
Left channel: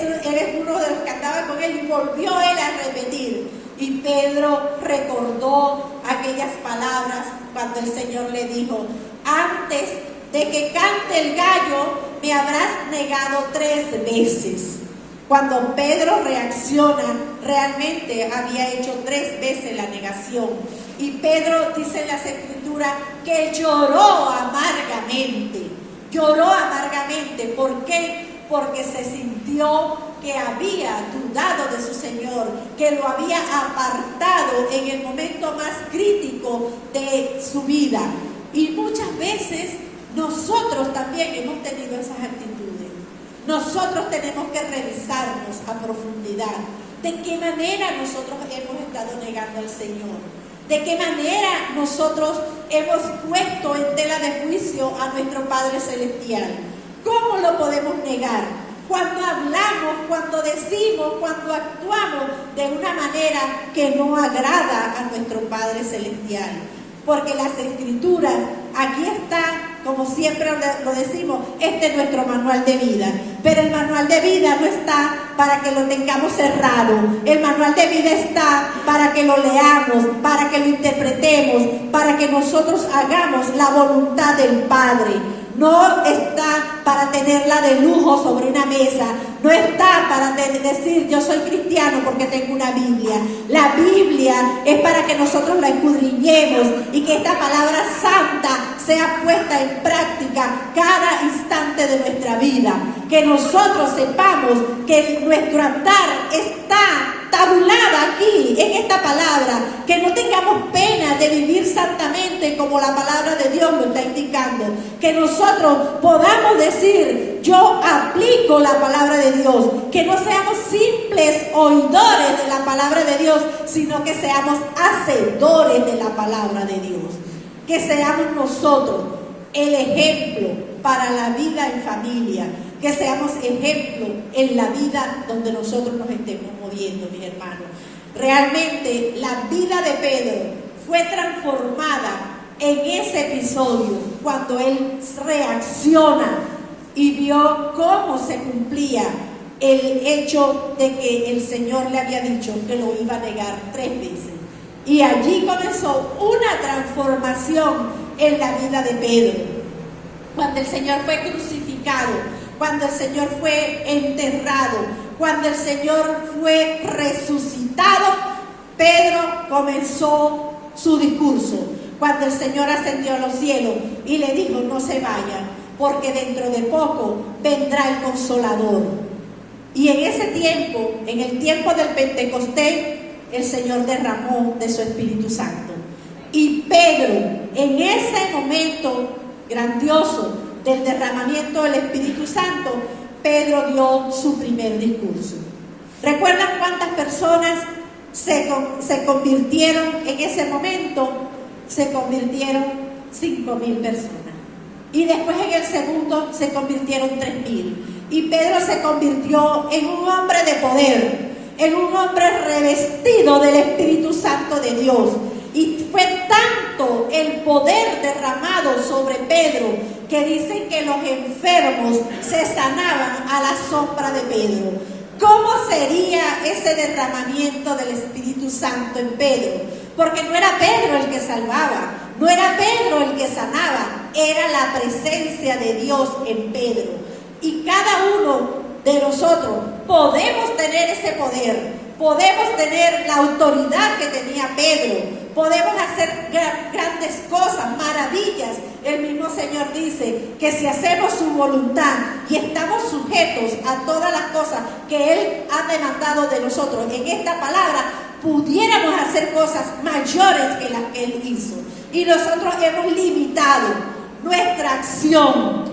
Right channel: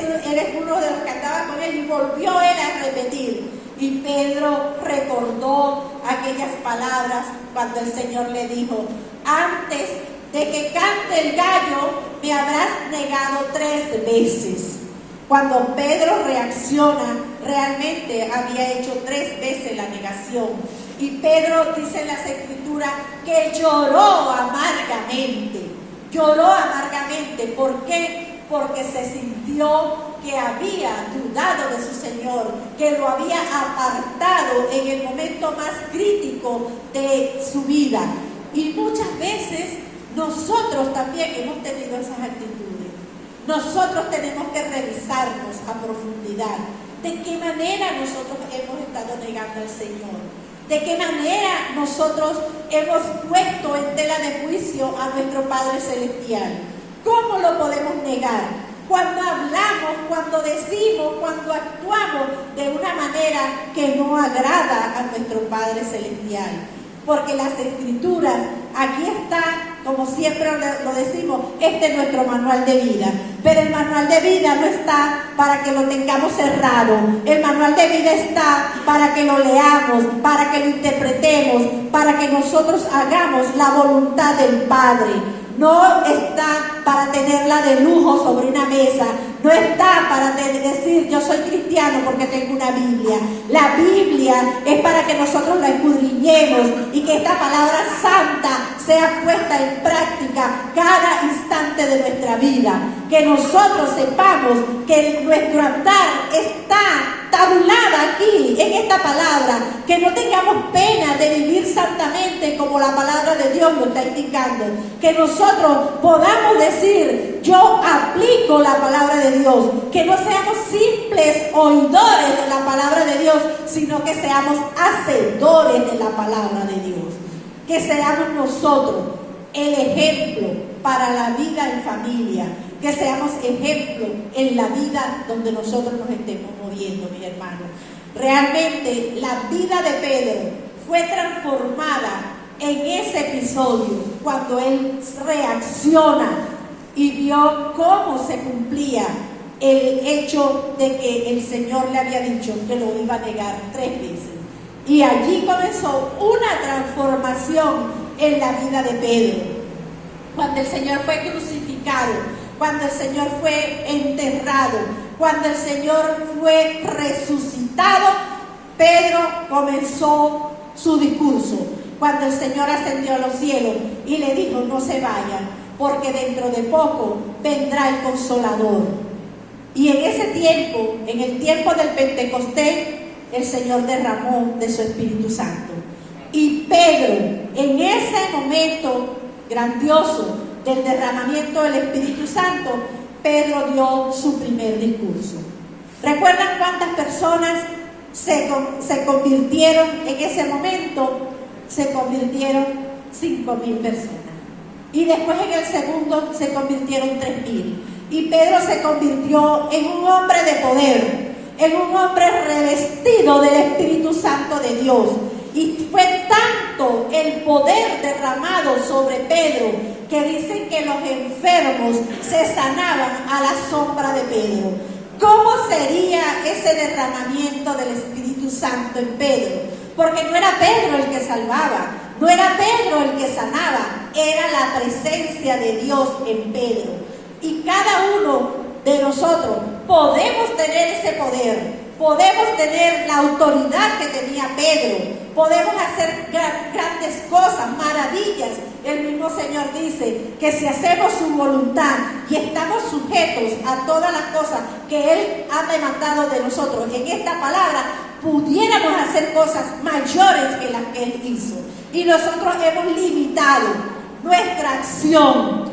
uno de los que andaba con él. Y volvió él a repetir. Y Pedro recordó aquellas palabras cuando el Señor le dijo, antes de que cante el gallo, me habrás negado 3 veces. Cuando Pedro reacciona, realmente había hecho 3 veces la negación. Y Pedro dice en las Escrituras que lloró amargamente. Lloró amargamente. ¿Por qué? Porque se sintió que había dudado de su Señor, que lo había apartado en el momento más crítico de su vida. Y muchas veces nosotros también hemos tenido esas actitudes. Nosotros tenemos que revisarnos a profundidad. ¿De qué manera nosotros hemos estado negando al Señor? ¿De qué manera nosotros hemos puesto en tela de juicio a nuestro Padre Celestial? ¿Cómo lo podemos negar? Cuando hablamos, cuando decimos, cuando actuamos de una manera que no agrada a nuestro Padre Celestial. Porque las Escrituras, aquí está, como siempre lo decimos, este es nuestro manual de vida. Pero el manual de vida no está para que lo tengamos cerrado. El manual de vida está para que lo leamos, para que lo interpretemos, para que nosotros hagamos la voluntad del Padre. No está para tenerla de lujo sobre una mesa. No está para decir yo soy cristiano porque tengo una Biblia. La Biblia es para que nosotros la escudriñemos y que esta palabra santa sea puesta en práctica cada instante de nuestra vida. Que nosotros sepamos que nuestro andar está tabulada aquí en esta palabra, que no tengamos pena de vivir santamente como la palabra de Dios nos está indicando, que nosotros podamos decir yo aplico la palabra de Dios, que no seamos simples oidores de la palabra de Dios, sino que seamos hacedores de la palabra de Dios, que seamos nosotros el ejemplo para la vida en familia, que seamos ejemplo en la vida donde nosotros nos estemos moviendo, mis hermanos. Realmente la vida de Pedro fue transformada en ese episodio cuando él reacciona y vio cómo se cumplía el hecho de que el Señor le había dicho que lo iba a negar 3 veces. Y allí comenzó una transformación en la vida de Pedro. Cuando el Señor fue crucificado, cuando el Señor fue enterrado, cuando el Señor fue resucitado, Pedro comenzó su discurso. Cuando el Señor ascendió a los cielos y le dijo, no se vayan, porque dentro de poco vendrá el Consolador. Y en ese tiempo, en el tiempo del Pentecostés, el Señor derramó de su Espíritu Santo. Y Pedro, en ese momento grandioso del derramamiento del Espíritu Santo, Pedro dio su primer discurso. ¿Recuerdan cuántas personas se convirtieron en ese momento? Se convirtieron 5,000 personas. Y después en el segundo se convirtieron 3,000. Y Pedro se convirtió en un hombre de poder, en un hombre revestido del Espíritu Santo de Dios. Y fue tanto el poder derramado sobre Pedro que dicen que los enfermos se sanaban a la sombra de Pedro. ¿Cómo sería ese derramamiento del Espíritu Santo en Pedro? Porque no era Pedro el que salvaba, no era Pedro el que sanaba, era la presencia de Dios en Pedro. Y cada uno de nosotros podemos tener ese poder. Podemos tener la autoridad que tenía Pedro, podemos hacer grandes cosas, maravillas. El mismo Señor dice que si hacemos su voluntad y estamos sujetos a todas las cosas que Él ha demandado de nosotros en esta palabra, pudiéramos hacer cosas mayores que las que Él hizo. Y nosotros hemos limitado nuestra acción,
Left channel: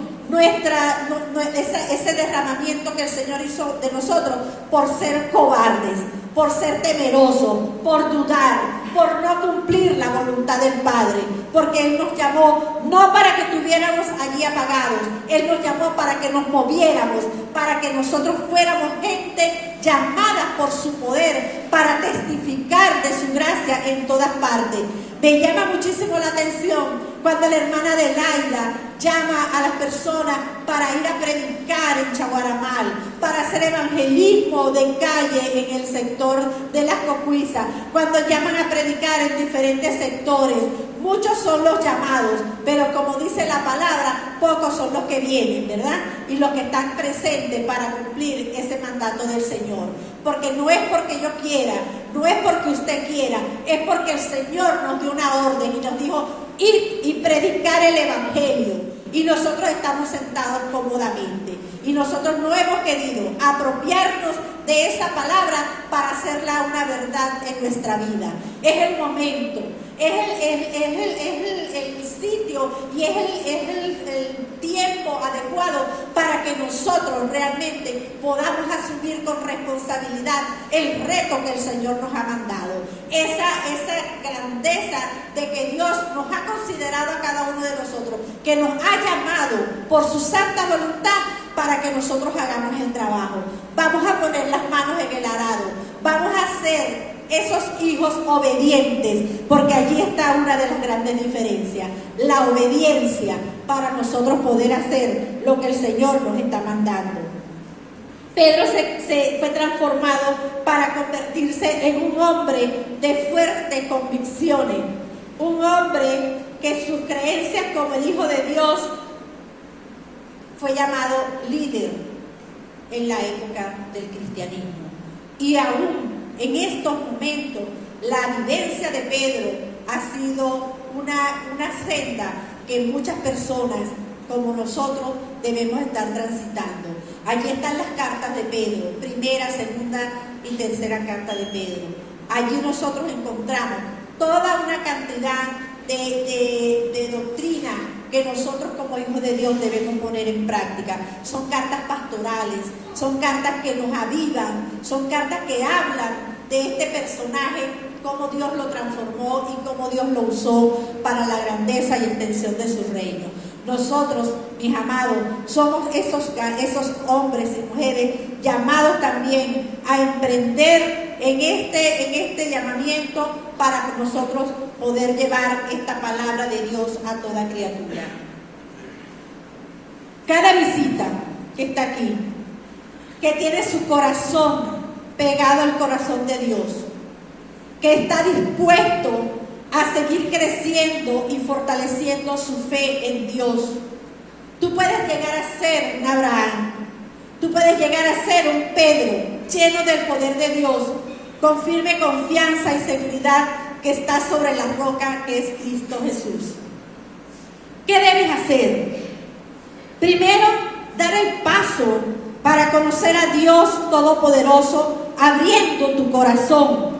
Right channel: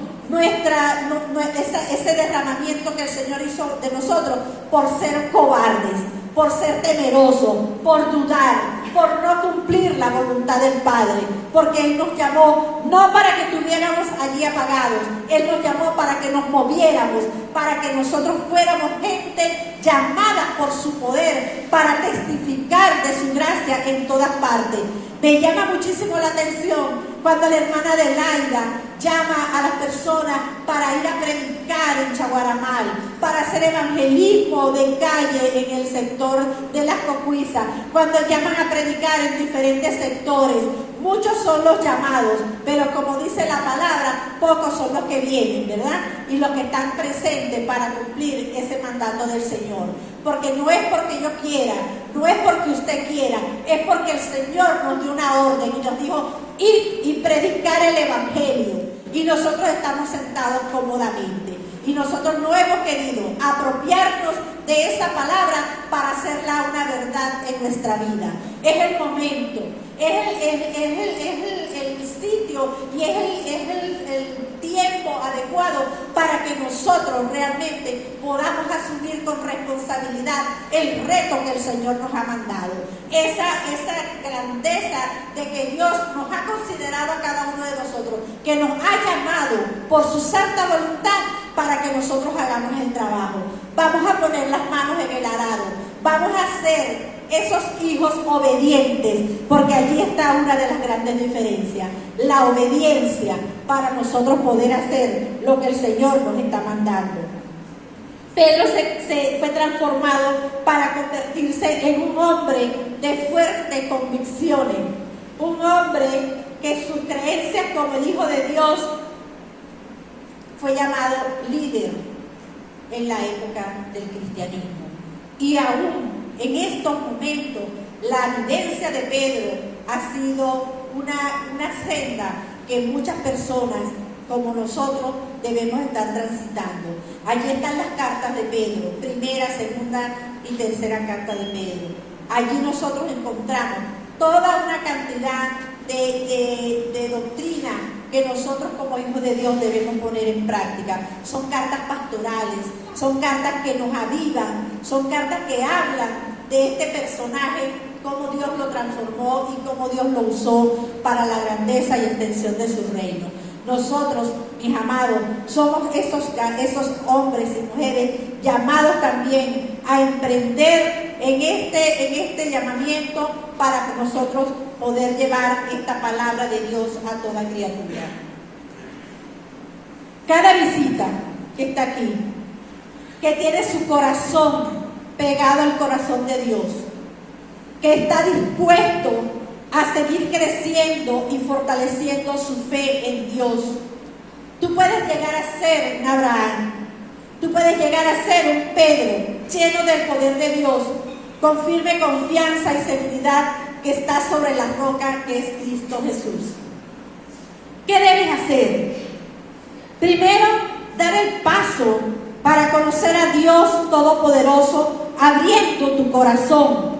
ese derramamiento que el Señor hizo de nosotros por ser cobardes, por ser temerosos, por dudar, por no cumplir la voluntad del Padre, porque Él nos llamó no para que estuviéramos allí apagados, Él nos llamó para que nos moviéramos, para que nosotros fuéramos gente llamada por su poder, para testificar de su gracia en todas partes. Me llama muchísimo la atención cuando la hermana Adelaida llama a las personas para ir a predicar en Chaguaramal, para hacer evangelismo de calle en el sector de las Cocuizas, cuando llaman a predicar en diferentes sectores. Muchos son los llamados, pero como dice la palabra, pocos son los que vienen, ¿verdad? Y los que están presentes para cumplir ese mandato del Señor. Porque no es porque yo quiera, no es porque usted quiera, es porque el Señor nos dio una orden y nos dijo, ir y predicar el Evangelio. Y nosotros estamos sentados cómodamente. Y nosotros no hemos querido apropiarnos de esa palabra para hacerla una verdad en nuestra vida. Es el momento, es el sitio y es el tiempo adecuado para que nosotros realmente podamos asumir con responsabilidad el reto que el Señor nos ha mandado. Esa grandeza de que Dios nos ha considerado a cada uno de nosotros, que nos ha llamado por su santa voluntad para que nosotros hagamos el trabajo. Vamos a poner las manos en el arado, vamos a ser esos hijos obedientes, porque allí está una de las grandes diferencias, la obediencia para nosotros poder hacer lo que el Señor nos está mandando. Pedro se fue transformado para convertirse en un hombre de fuertes convicciones, un hombre que su creencia como el Hijo de Dios fue llamado líder en la época del cristianismo. Y aún en estos momentos, la vivencia de Pedro ha sido una senda que muchas personas como nosotros debemos estar transitando. Allí están las cartas de Pedro, primera, segunda y tercera carta de Pedro. Allí nosotros encontramos toda una cantidad de doctrina que nosotros como hijos de Dios debemos poner en práctica. Son cartas pastorales, son cartas que nos avivan, son cartas que hablan de este personaje, cómo Dios lo transformó y cómo Dios lo usó para la grandeza y extensión de su reino. Nosotros, mis amados, somos esos hombres y mujeres llamados también a emprender en este llamamiento para que nosotros poder llevar esta palabra de Dios a toda criatura. Cada visita que está aquí, que tiene su corazón pegado al corazón de Dios, que está dispuesto a seguir creciendo y fortaleciendo su fe en Dios. Tú puedes llegar a ser un Abraham, tú puedes llegar a ser un Pedro, lleno del poder de Dios, con firme confianza y seguridad que está sobre la roca que es Cristo Jesús. ¿Qué debes hacer? Primero, dar el paso para conocer a Dios Todopoderoso, abriendo tu corazón.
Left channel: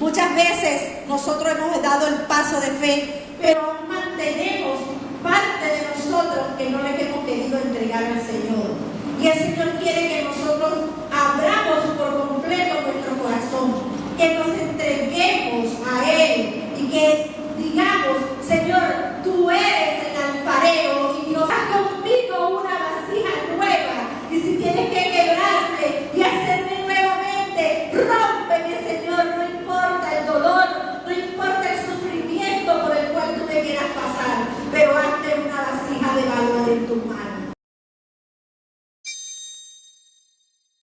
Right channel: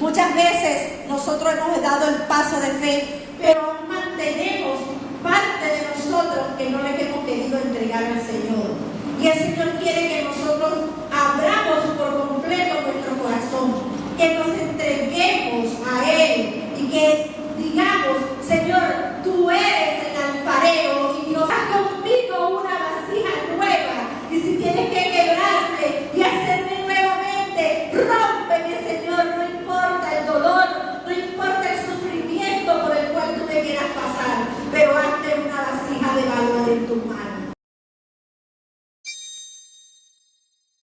Muchas veces nosotros hemos dado el paso de fe, pero mantenemos parte de nosotros que no les hemos querido entregar al Señor. Y el Señor quiere que nosotros abramos por completo nuestro corazón, que nos entreguemos